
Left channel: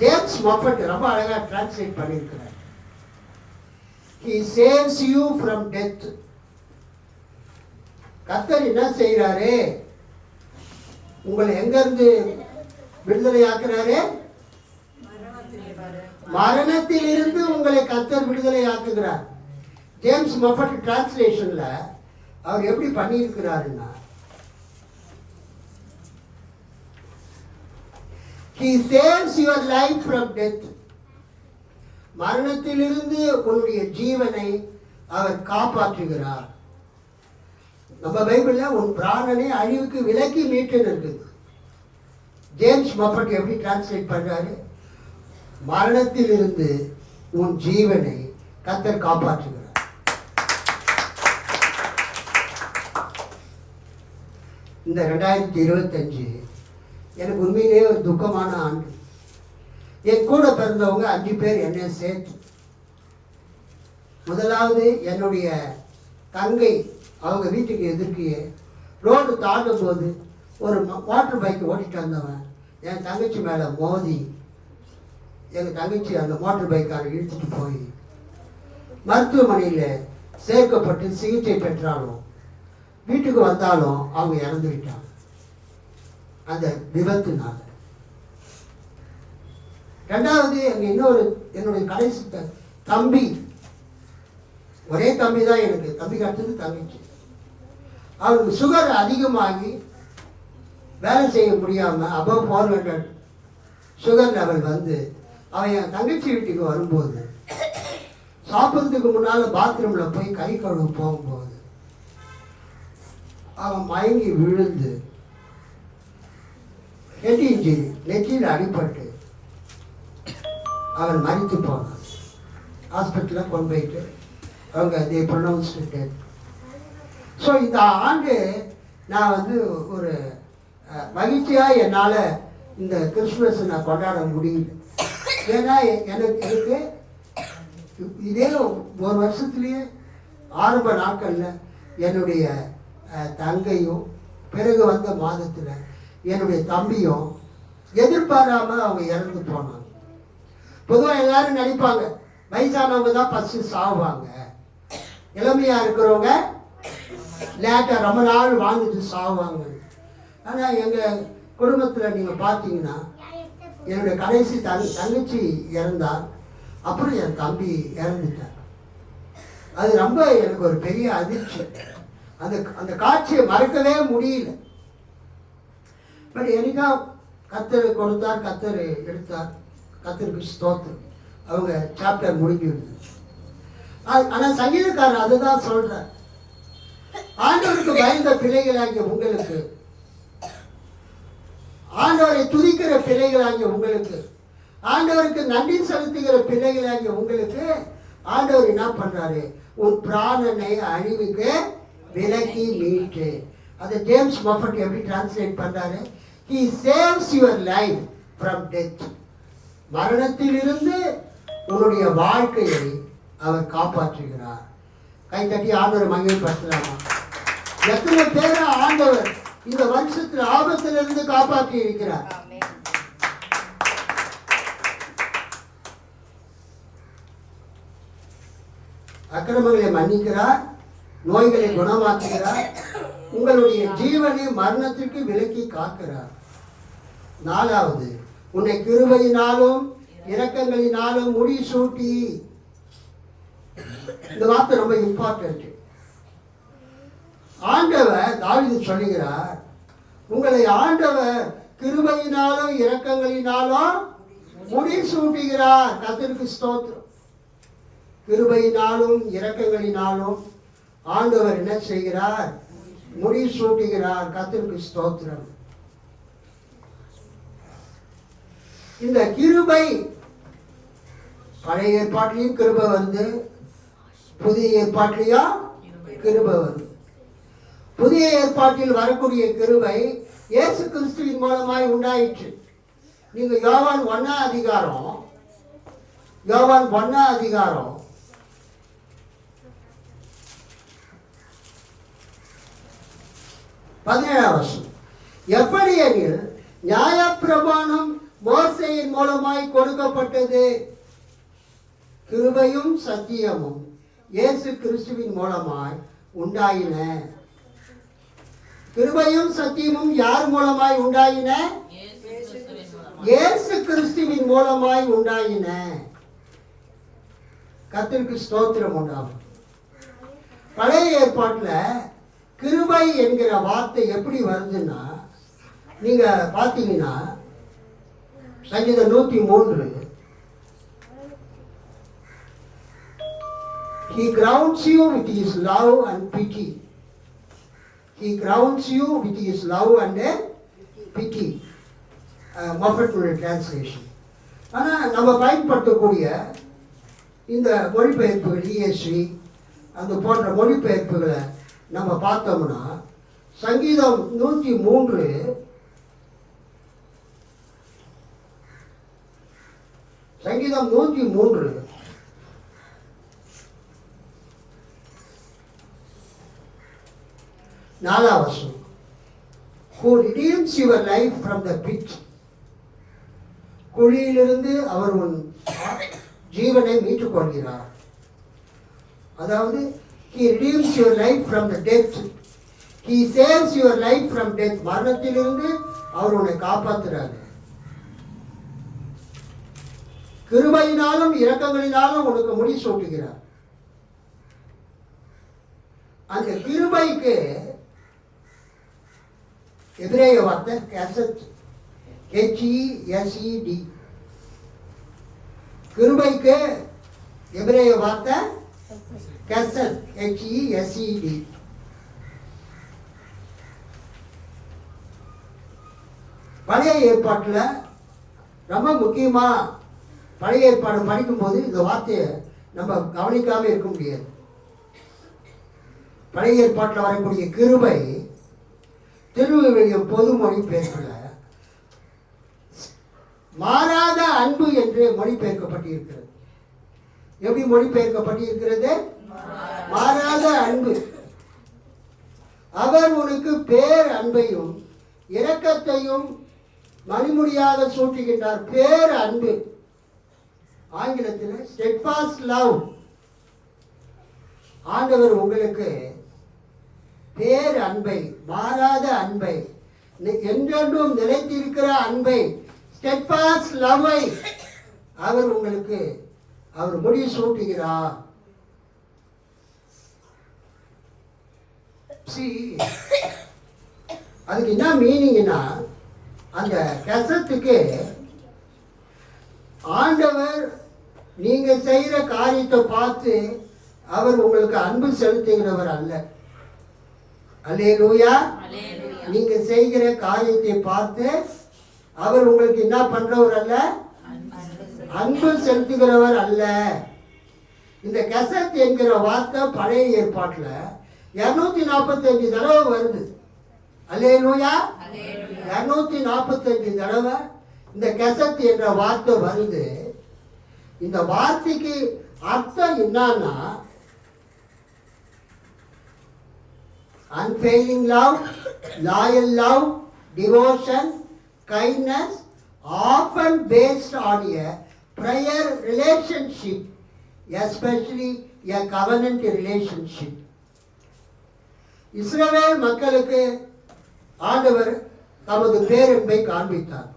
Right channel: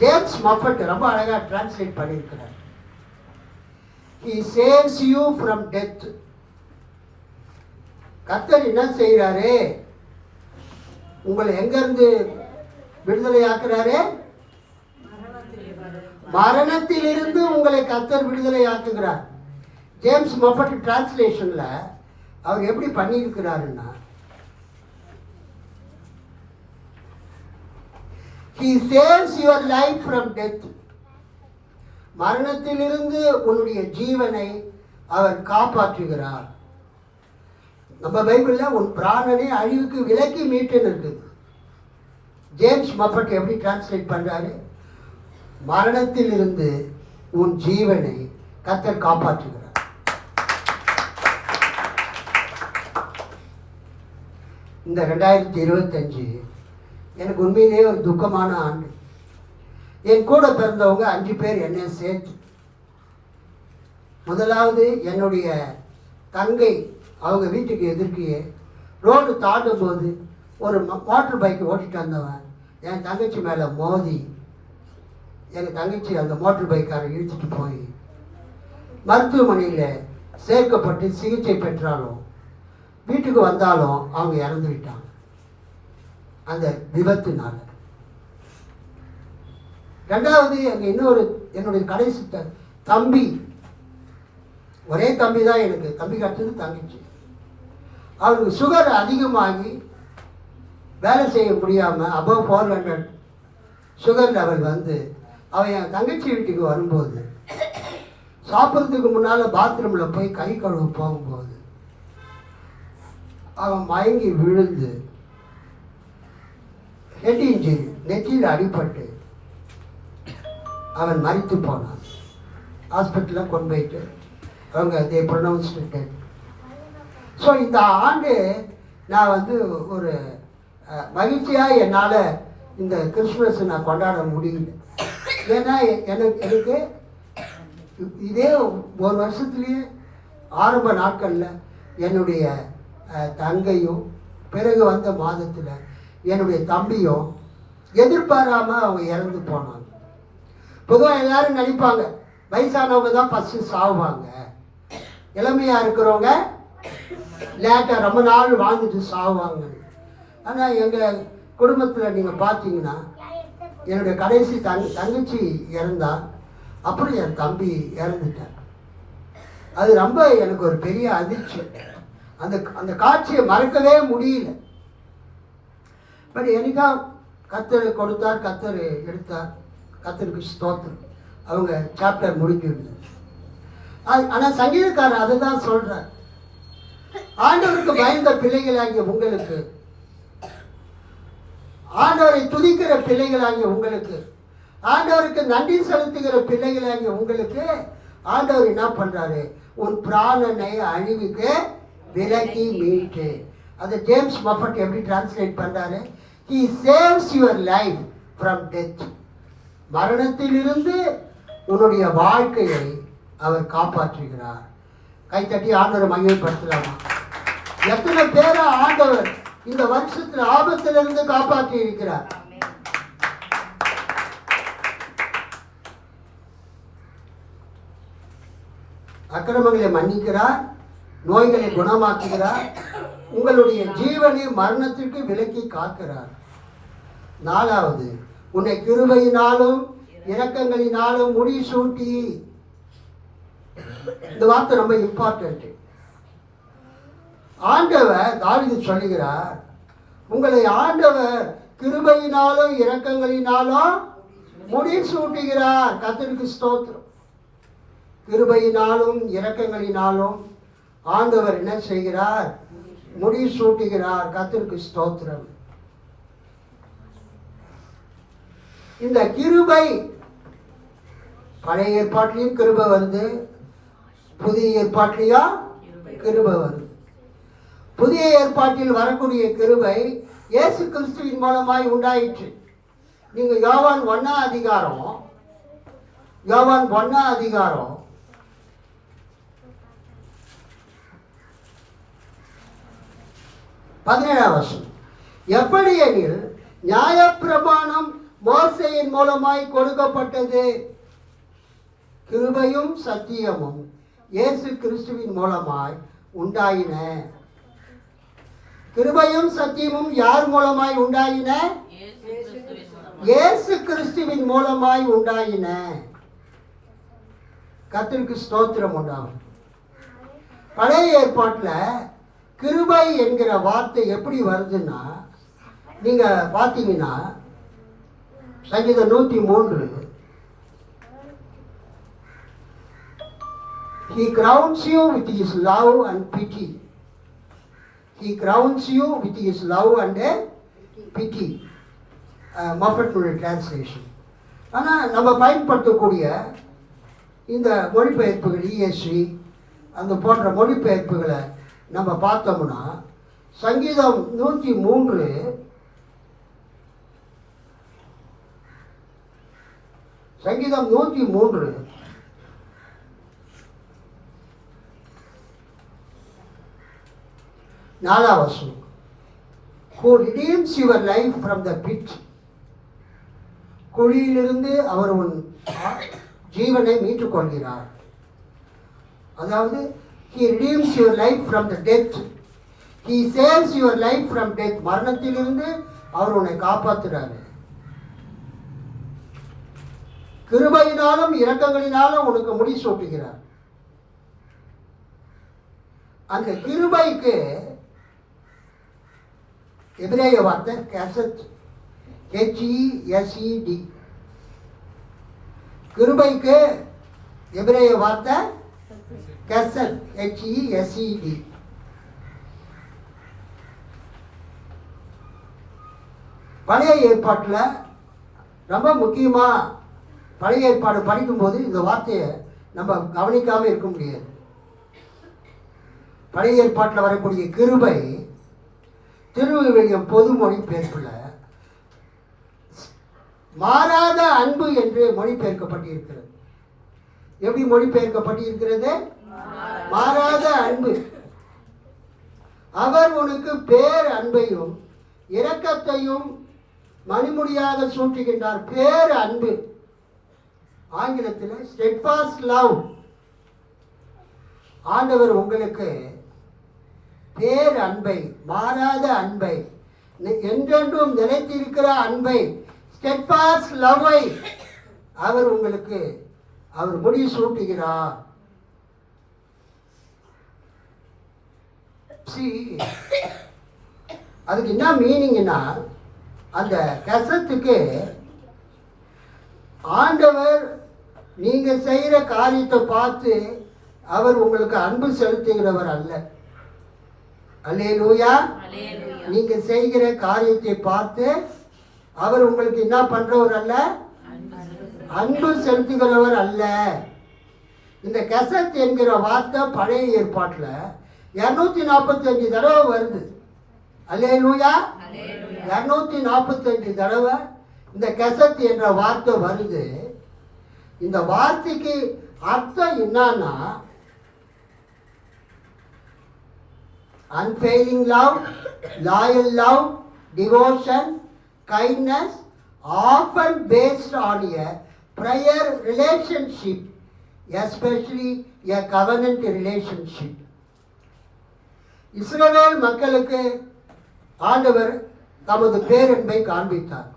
ஜேம்ஸ் மஃபட் ரொம்ப அழகா டிரான்ஸ்லேட் பண்ணியிருக்கிறார். He saves you from death. கர்த்தர் என்ன செய்யறாரு? உங்களை எங்கிருந்து விடுதலை ஆக்குறாரு? மரணத்திலிருந்து உங்களை கர்த்தர் விடுதலை ஆக்குகிறார். ஜேம்ஸ் மஃபட் டிரான்ஸ்லேஷன்ல அவர் எப்படி பண்ணியிருக்கிறாருன்னா, He saves your life from death. மரணத்திலிருந்து உன்னுடைய ஜீவனை அவர் காப்பாற்றுகிறார். நம்ம பைபிள்ல உன் பிராணனை அழிவுக்கு விலக்கி மீட்டுன்னு இருக்குது. ஜேம்ஸ் மஃபட் எப்படி டிரான்ஸ்லேட் பண்றாரு? மரணத்திலிருந்து உன் ஜீவனை கர்த்தர் காப்பாற்றுகிறார். இந்த 2025 எனக்கு உண்மையிலேயே ஒரு துக்கமான ஆண்டு. என் கூட பிறந்தவங்க 5 பேர் என்னை சேர்த்து. முதலாவது என்னுடைய தங்கை, அவங்க வீட்டுக்கு எதிர்க்கையே ரோடு தாண்டும் போது ஒரு வாட்டர் பைக் ஓட்டிட்டு வந்தவன் என் தங்கச்சி மேலே மோதி எங்கள் தங்கச்சி அந்த மோட்டர் பைக்காரை இழுத்துட்டு போய் மருத்துவமனையில் சேர்க்கப்பட்டு சிகிச்சை பெற்றாலும் வீட்டுக்கு வந்தாலும் அவங்க இறந்து விட்டாங்க அந்த விபத்துனால. ரெண்டாவது அங்கே இன்னொரு என்னுடைய கடைசி தம்பி, ஒரே தம்பி தான் எனக்கு, தம்பி கட்டுறது தங்கச்சி. அவனுக்கு சுகர் அதிகமாகி வேலை செய்ய முடியாமல் அபவ் 400 சுகர் லெவல் வந்து அவன் என் தங்கச்சி வீட்டுக்கு வரும்போது சாப்பிட்றதுக்கு முன்னால் பாத்ரூமில் போய் கை கழுவு போகும்போது அவன் மயங்கி விழுந்து ஹெட் இன்ஜுரி, நெற்றியில் அடிபட்டு அவன் மரித்து போனான். ஹாஸ்பிட்டலில் கொண்டு போயிட்டு அவங்க தே ப்ரொனவுன்ஸ்டு டெத். ஸோ இந்த ஆண்டு நான் வந்து ஒரு மகிழ்ச்சியாக என்னால் இந்த கிறிஸ்துமஸை நான் கொண்டாட முடியல. ஏன்னா எனக்கு இதே ஒரு வருஷத்துலேயே ஆரம்ப நாட்களில் என்னுடைய தங்கையும் பிறகு வந்த மாதத்தில் என்னுடைய தம்பியும் எதிர்பாராமல் அவங்க இறந்து போனாங்க. பொதுவாக எல்லாரும் நினைப்பாங்க வயசானவங்க தான் ஃபஸ்ட்டு சாவுவாங்க, இளமையாக இருக்கிறவங்க லேட்டாக ரொம்ப நாள் வாழ்ந்துட்டு சாவுவாங்க. ஆனால் எங்கள் குடும்பத்தில் நீங்கள் பார்த்தீங்கன்னா என்னுடைய கடைசி தங்கச்சி இறந்தால், அப்புறம் என் தம்பி இறந்துட்டார். அது ரொம்ப எனக்கு ஒரு பெரிய அதிர்ச்சி. அந்த காட்சியை மறக்கவே முடியல. பட் என்னைக்கா கர்த்தர் கொடுத்தார், கர்த்தர் எடுத்தார், கர்த்தருக்கு ஸ்தோத்திரம். அவங்க சாப்டர் முடிஞ்சிருந்தது. ஆனால் சங்கீதக்காரர் அதை தான் சொல்கிறார், ஆண்டவருக்கு பயந்த பிள்ளைகளாகிய உங்களுக்கு, ஆண்டவரை துதிக்கிற பிள்ளைகளாகிய உங்களுக்கு, ஆண்டவருக்கு நன்றி செலுத்துகிற பிள்ளைகளாகிய உங்களுக்கு ஆண்டவர் என்ன பண்றாரு? உன் பிராணனை அழிவுக்கு விலக்கி மீட்டு. அதை ஜேம்ஸ் மஃபட் எப்படி டிரான்ஸ்லேட் பண்றாரு? He saves your life from death. மரணத்திலிருந்து உன்னுடைய வாழ்க்கையை அவர் காப்பாற்றுகிறார். கைத்தட்டி ஆண்டவரை மகிமைப்படுத்தலாமா? எத்தனை பேரை ஆண்டவர் இந்த வருஷத்துல ஆபத்திலிருந்து காப்பாற்றி இருக்கிறார். அக்கிரமங்களை மன்னிக்கிறார், நோய்களை குணமாக்குகிறார், உங்களுடைய ஜீவனை மரணத்திற்கு விலக்கி காக்கிறார். 4வது, உன்னை கிருபையினாலும் இரக்கங்களினாலும் முடிசூட்டி. இந்த வார்த்தை ரொம்ப இம்பார்ட்டன்ட். ஆண்டவர் தாவீது சொல்லுகிறார், உங்களை ஆண்டவர் கிருபையினாலும் இரக்கங்களினாலும் முடிசூட்டுகிறார். கர்த்தருக்கு ஸ்தோத்திரம். கிருபையினாலும் இரக்கங்களினாலும் ஆண்டவர் என்ன செய்கிறார்? முடிசூட்டுகிறார். கர்த்தருக்கு ஸ்தோத்திரம். இந்த கிருபை பழைய ஏற்பாட்டிலையும் கிருபை வருது, புதிய ஏற்பாட்டிலையும் கிருபை வருது. புதிய ஏற்பாட்டில் வரக்கூடிய கிருபை இயேசு கிறிஸ்துவின் மூலமாய் உண்டாயிற்று. நீங்க யோவான் 1ஆம் அதிகாரம் 17ஆம் வசனம். எப்படி எனில் நியாயப்பிரமாணம் மோசேயின் மூலமாய் கொடுக்கப்பட்டது, கிருபையும் சத்தியமும் இயேசு கிறிஸ்துவின் மூலமாய் உண்டாயின. கிருபையும் சத்தியமும் யார் மூலமாய் உண்டாயின? இயேசு கிறிஸ்துவின் மூலமாய் உண்டாயின. கர்த்தருக்கு ஸ்தோத்திரம் உண்டாகும். பழைய ஏற்பாட்டில் கிருபை என்கிற வார்த்தை எப்படி வருதுன்னா, நீங்க பார்த்தீங்கன்னா சங்கீதம் 103, He crowns you with His love and pity. He crowns you with His love and pity. மொஃபட்டுடைய டிரான்ஸ்லேஷன். ஆனால் நம்ம பயன்படுத்தக்கூடிய இந்த மொழிபெயர்ப்புகள் ESV அந்த போன்ற மொழிபெயர்ப்புகளை நம்ம பார்த்தோம்னா, சங்கீதம் 103 சங்கீதம் 103 4ஆம் வசனம். Who redeems your life from the pit. குழியிலிருந்து அவர் உன் ஜீவனை மீட்டுக் கொள்கிறார். அதாவது He redeems your life from the death. He saves your life from death. மரணத்திலிருந்து அவர் உன்னை காப்பாற்றுறாரு. கிருபையினாலும் இரக்கங்களினாலும் உனக்கு முடி சூட்டுகிறார். அந்த கிருபைக்கு எபிரேய வார்த்தை கெசத், HESED. கிருபைக்கு எபிரேய வார்த்தை கெசத், HESED. பழைய ஏற்பாட்டில் ரொம்ப முக்கியமாக பழைய ஏற்பாடு படிக்கும்போது இந்த வார்த்தையை நம்ம கவனிக்காமல் இருக்க முடியாது. பழைய ஏற்பாட்டில் வரக்கூடிய கிருபை திருவிவிலியம் பொது மொழிபெயர்ப்பில் மாறாத அன்பு என்று மொழிபெயர்க்கப்பட்டிருக்கிறது. எப்படி மொழிபெயர்க்கப்பட்டிருக்கிறது? மாறாத அன்பு. அவர் உனக்கு பேர் அன்பையும் இரக்கத்தையும் மணிமுடியாக சூட்டுகின்றார். பேர் அன்பு, ஆங்கிலத்தில் steadfast love. ஆண்டவர் உங்களுக்கு பேர் அன்பை, மாறாத அன்பை, என்றென்றும் நிலைத்திருக்கிற அன்பை, steadfast love-ஐ அவர் உங்களுக்கு அவர் முடி சூட்டுகிறார். அதுக்கு என்ன மீனிங்னா, அந்த கசத்துக்கு ஆண்டவர் நீங்க செய்யற காரியத்தை பார்த்து அவர் உங்களுக்கு அன்பு செலுத்துகிறவர் அல்ல. அல்லேலூயா. நீங்க செய்கிற காரியத்தை பார்த்து அவர் உங்களுக்கு என்ன பண்றவர் அல்ல, அன்பு செலுத்துகிறவர் அல்ல. இந்த கசத் என்கிற வார்த்தை பழைய ஏற்பாட்டில் 245 தடவை வருது. அல்லேலூயா. 245 தடவை இந்த கசத் என்ற வார்த்தை வருது. இந்த வார்த்தைக்கு அர்த்தம் என்னன்னா, unfailing love, loyal love, devotion, kindness, often based on a prior relationship, especially a covenant relationship. இஸ்ரவேல் மக்களுக்கு ஆண்டவர் தமது பேரன்பை காண்பித்தார்.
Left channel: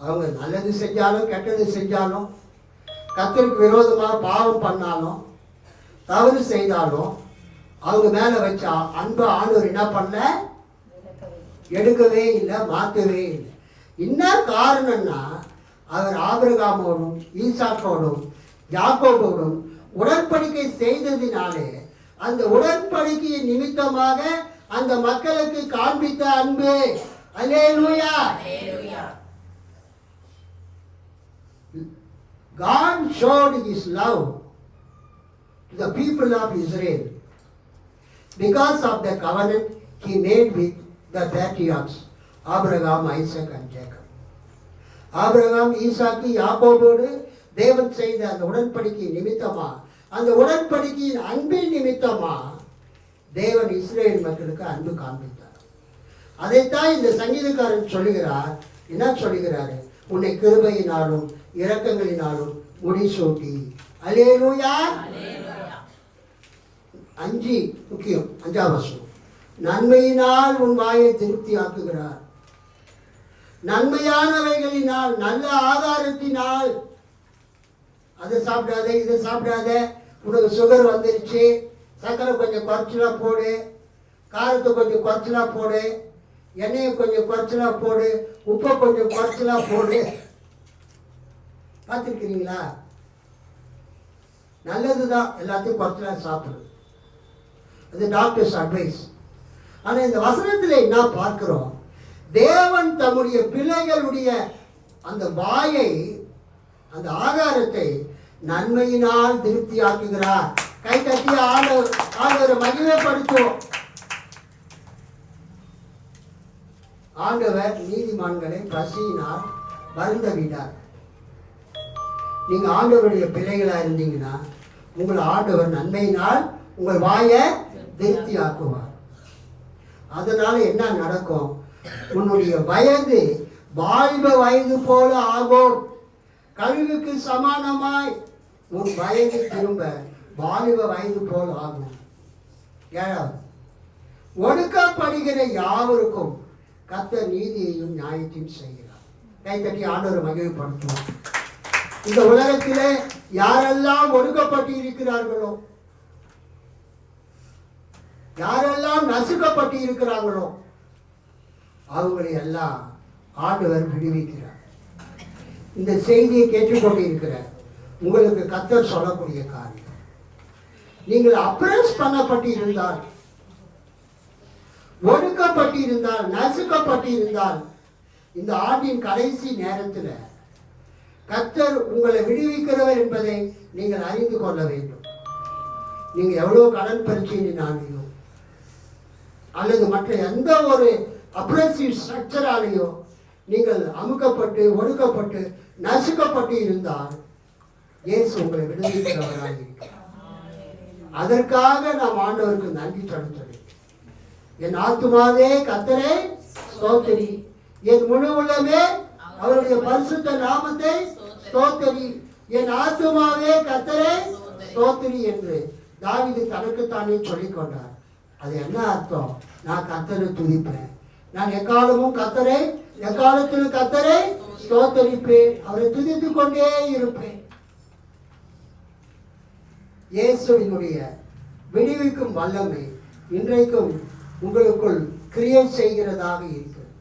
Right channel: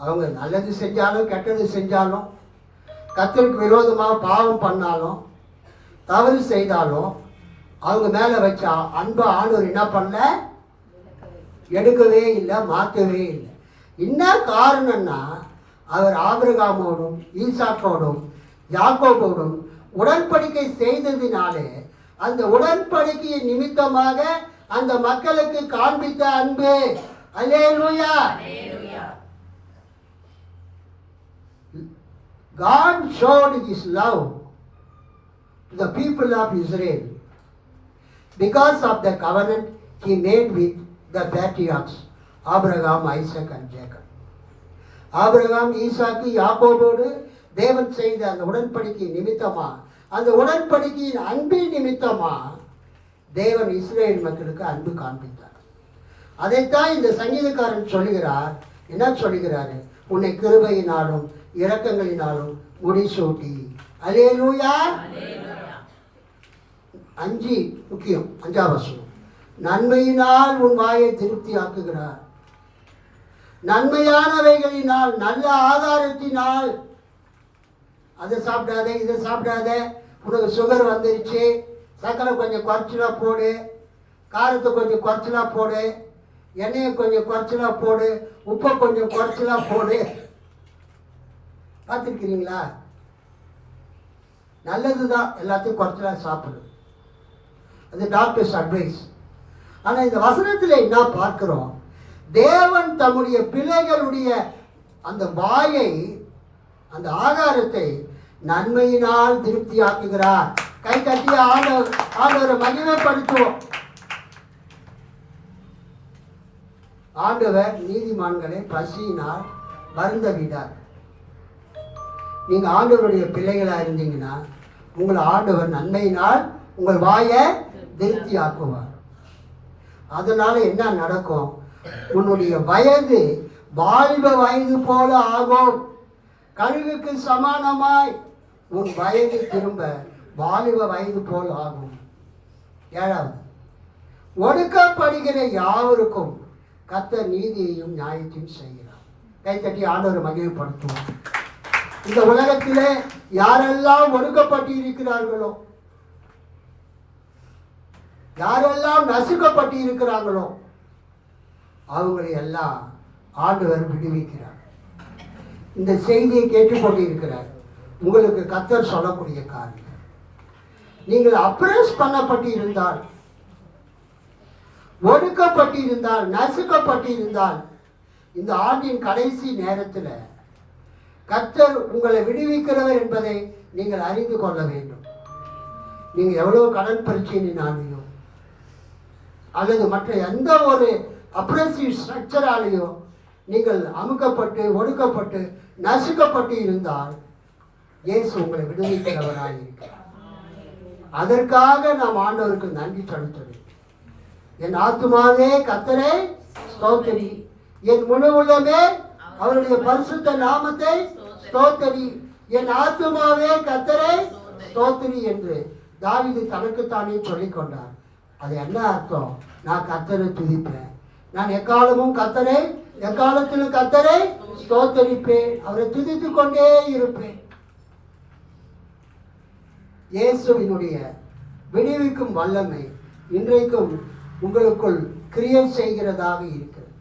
அவங்க நல்லது செஞ்சாலும் கெட்டது செஞ்சாலும், கர்த்தருக்கு விரோதமாக பாவம் பண்ணாலும் தவறு செய்தாலும் அவங்க மேலே வச்ச அன்பை ஆண்டவர் என்ன பண்ண, எடுக்கவே இல்லை, மாற்றவே இல்லை. என்ன காரணம்னா, அவர் ஆபிரகாமோடும் ஈசாக்கோடும் யாக்கோபோடும் உடன்படிக்கை செய்ததினாலே அந்த உடன்படிக்கை நிமித்தமாக அந்த மக்களுக்கு காண்பித்த அன்பு. அல்லேலூயா. God showed His love to the people of Israel because of the covenant He made with the patriarchs Abraham, Isaac and Jacob. ஆபிரகாம், ஈசாக்கு, யாக்கோபோடு தேவன் செய்த அந்த உடன்படிக்கை நிமித்தமா, அந்த உடன்படிக்கையின் அன்பின் நிமித்தமா தேவன் இஸ்ரேல் மக்களுக்கு அன்பு காண்பித்தார். அதைத்தான் இந்த சங்கீதக்காரன் சொல்லுகிறார். என்ன சொல்லுகிறாரு? உன்னை கிருபையினாலும் இரக்கங்களினாலும் முடிசூட்டி. அல்லேலூயா. 5 முக்கியம். 5ஆம் வசனம். நன்மையினால் உன் வாயை திருப்தி ஆக்குகிறார். நன்மையானவைகளினால், நல்ல ஆகாரத்தினால். அதை சாப்பிடாத, இதை சாப்பிடாத, உனக்கு சுகர் வந்துருச்சு, சக்கரை கொஞ்சம் குறைச்சலா போடு, காரத்தை கொஞ்சம் குறைச்சலா போடு, எண்ணெயை கொஞ்சம் குறைச்சலா போடு, உப்பை கொஞ்சம் குறைச்சலா போடு. பார்த்துருக்கிறீங்களா? நல்லதுதான் எல்லாத்தையும் குறைச்சலா சாப்பிடுது. அது டாக்டர்ஸ் அட்வைஸ். ஆனால் இந்த வசனத்தில் என்ன பார்க்கிறோம்? தேவன் தம்முடைய பிள்ளைகளுடைய அந்த வாயை, அந்த ஆகாரத்தை நன்மையினால் திருப்தியாக்குகிறார். கை தட்டி ஆண்டவரை மகிமைப்படுத்துவோம். ஆண்டவர் நீதிமான்களை பசியினால் வருந்த விடார். நீங்க ஆண்டவருடைய பிள்ளைகளா இருந்தீங்கன்னா உங்களை ஆண்டவர் நன்மையினால் உங்கள் வாயை திருப்தி ஆக்குவார். அதனால என்ன நடக்கும்? உன்னுடைய வயது வாலிப வயது போல ஆகும். கழுகுக்கு சமானமாய் உன் வயது திரும்ப வாலிப வயது போல் ஆகும். 7வது, ஒடுக்கப்படுகிற யாவருக்கும் கர்த்தர் நீதியையும் நியாயத்தையும் செய்கிறார். கைத்தட்டி ஆண்டவரை மகிமைப்படுத்துவோம். இந்த உலகத்திலே யாரெல்லாம் ஒடுக்கப்பட்டு இருக்கிறார்களோ, யாரெல்லாம் நசுக்கப்பட்டு இருக்கிறாங்களோ அவங்களை எல்லாம் ஆண்டவர் விடுவிக்கிறார். இந்த செய்தியை கேட்டுக்கொண்டு இருக்கிறார். உங்களுக்கு கர்த்தர் சொல்லக்கூடிய காரியம், நீங்கள் அப்ரஸ் பண்ணப்பட்டு இருந்தால், ஒடுக்கப்பட்டு இருந்தால், நசுக்கப்பட்டு இருந்தால், இந்த ஆண்டின் கடைசி நேரத்தில் கர்த்தர் உங்களை விடுவிக்கிறவர் என்பதை நீங்கள் அறிந்து கொள்ள வேண்டும். நீங்க எவ்வளவு கடன் பிரச்சனையினாலேயோ அல்லது மற்ற எந்த ஒரு அப்ரசிவ் ஸ்ட்ரக்சராலேயோ நீங்கள் அமுக்கப்பட்டு ஒடுக்கப்பட்டு நசுக்கப்பட்டு இருந்தால் இயேசு உங்களை விடுவிக்கிறவராக இருக்கிறார். அதற்காக நாம் ஆண்டவருக்கு நன்றி செலுத்த வேண்டும். என் ஆத்துமாவே கர்த்தரை ஸ்தோத்திரி, என் முழு உள்ளமே அவருடைய பரிசுத்த நாமத்தை ஸ்தோத்திரி, என் ஆத்துமாவே கர்த்தரை ஸ்தோத்திரி என்று தாவீது தனக்குத்தானே சொல்லிக் கொண்டார். அது என்ன அர்த்தம்? நான் கர்த்தரை துதிப்பேன், நான் எக்காலமும் கர்த்தரை, எக்காலத்திலும் கர்த்தரை ஸ்தோத்தரிப்பேன், அவரை துதித்துக் கொண்டே இருப்பேன். இயேசுவினுடைய விடுவிக்கும் வல்லமை இன்றைக்கும் உங்களுக்குள் கிரியை செய்கிறதாக இருக்கிறது.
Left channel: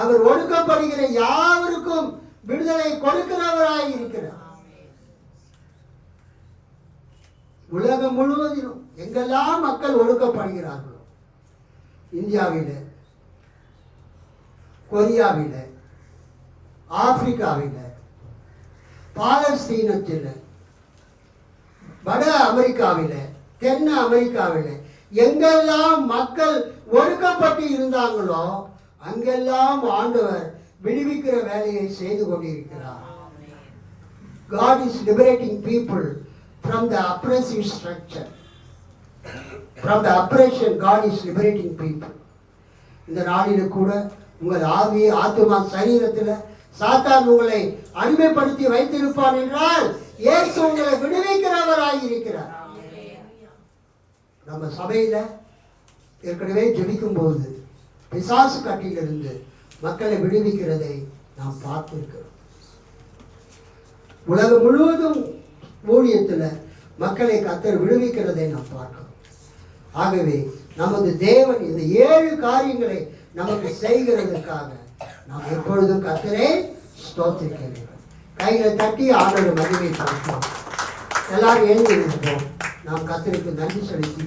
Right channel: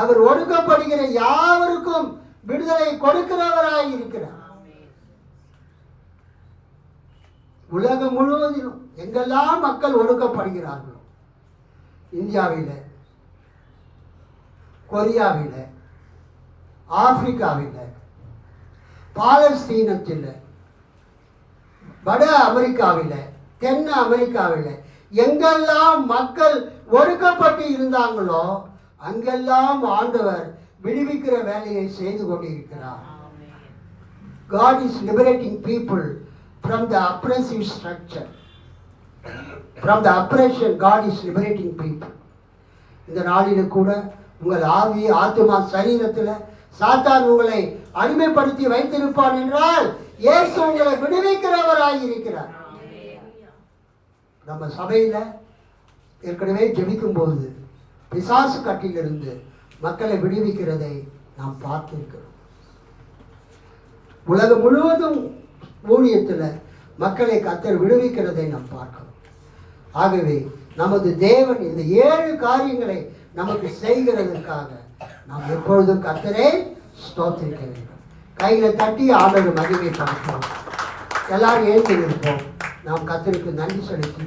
அவர் ஒடுக்கப்படுகிற யாவருக்கும் விடுதலை கொடுக்கிறவராய் இருக்கிறார். உலகம் முழுவதிலும் எங்கெல்லாம் மக்கள் ஒடுக்கப்படுகிறார்களோ, இந்தியாவில், கொரியாவில், ஆப்பிரிக்காவில், பாலஸ்தீனத்தில், வட அமெரிக்காவில், தென் அமெரிக்காவில் எங்கெல்லாம் மக்கள் ஒடுக்கப்பட்டு இருந்தாங்களோ அங்கெல்லாம் ஆண்டவர் விடுவிக்கிற வேலையை செய்து கொண்டிருக்கிறார். God is liberating people from the oppressive structure. From the oppression, God is liberating people. இந்த நாளில் கூட உங்கள் ஆவி, ஆத்துமா, சரீரத்தில் சாத்தான் உங்களை அடிமைப்படுத்தி வைத்திருப்பான் என்றால் இயேசு உங்களை விடுவிக்கிறவராய் இருக்கிறார். நம்ம சபையில ஏற்கனவே ஜெபிக்கும் போது பிசாசு கட்டிலிருந்து மக்களை விடுவிக்கிறதை நாம் பார்த்திருக்கிறோம். உலகம் முழுவதும் ஊழியத்தில் மக்களை கர்த்தர் விடுவிக்கிறதை நாம் பார்க்கிறோம். ஆகவே நமது தேவன் இந்த 7 காரியங்களை நமக்கு செய்கிறதற்காக நாம் எப்பொழுதும் கர்த்தரை ஸ்தோத்திரிக்க வேண்டும். கையில தட்டி ஆண்டவரை மகிமைப்படுத்துவோம். எல்லாரும் எழுந்திருப்போம். நாம் கர்த்தருக்கு நன்றி செலுத்தி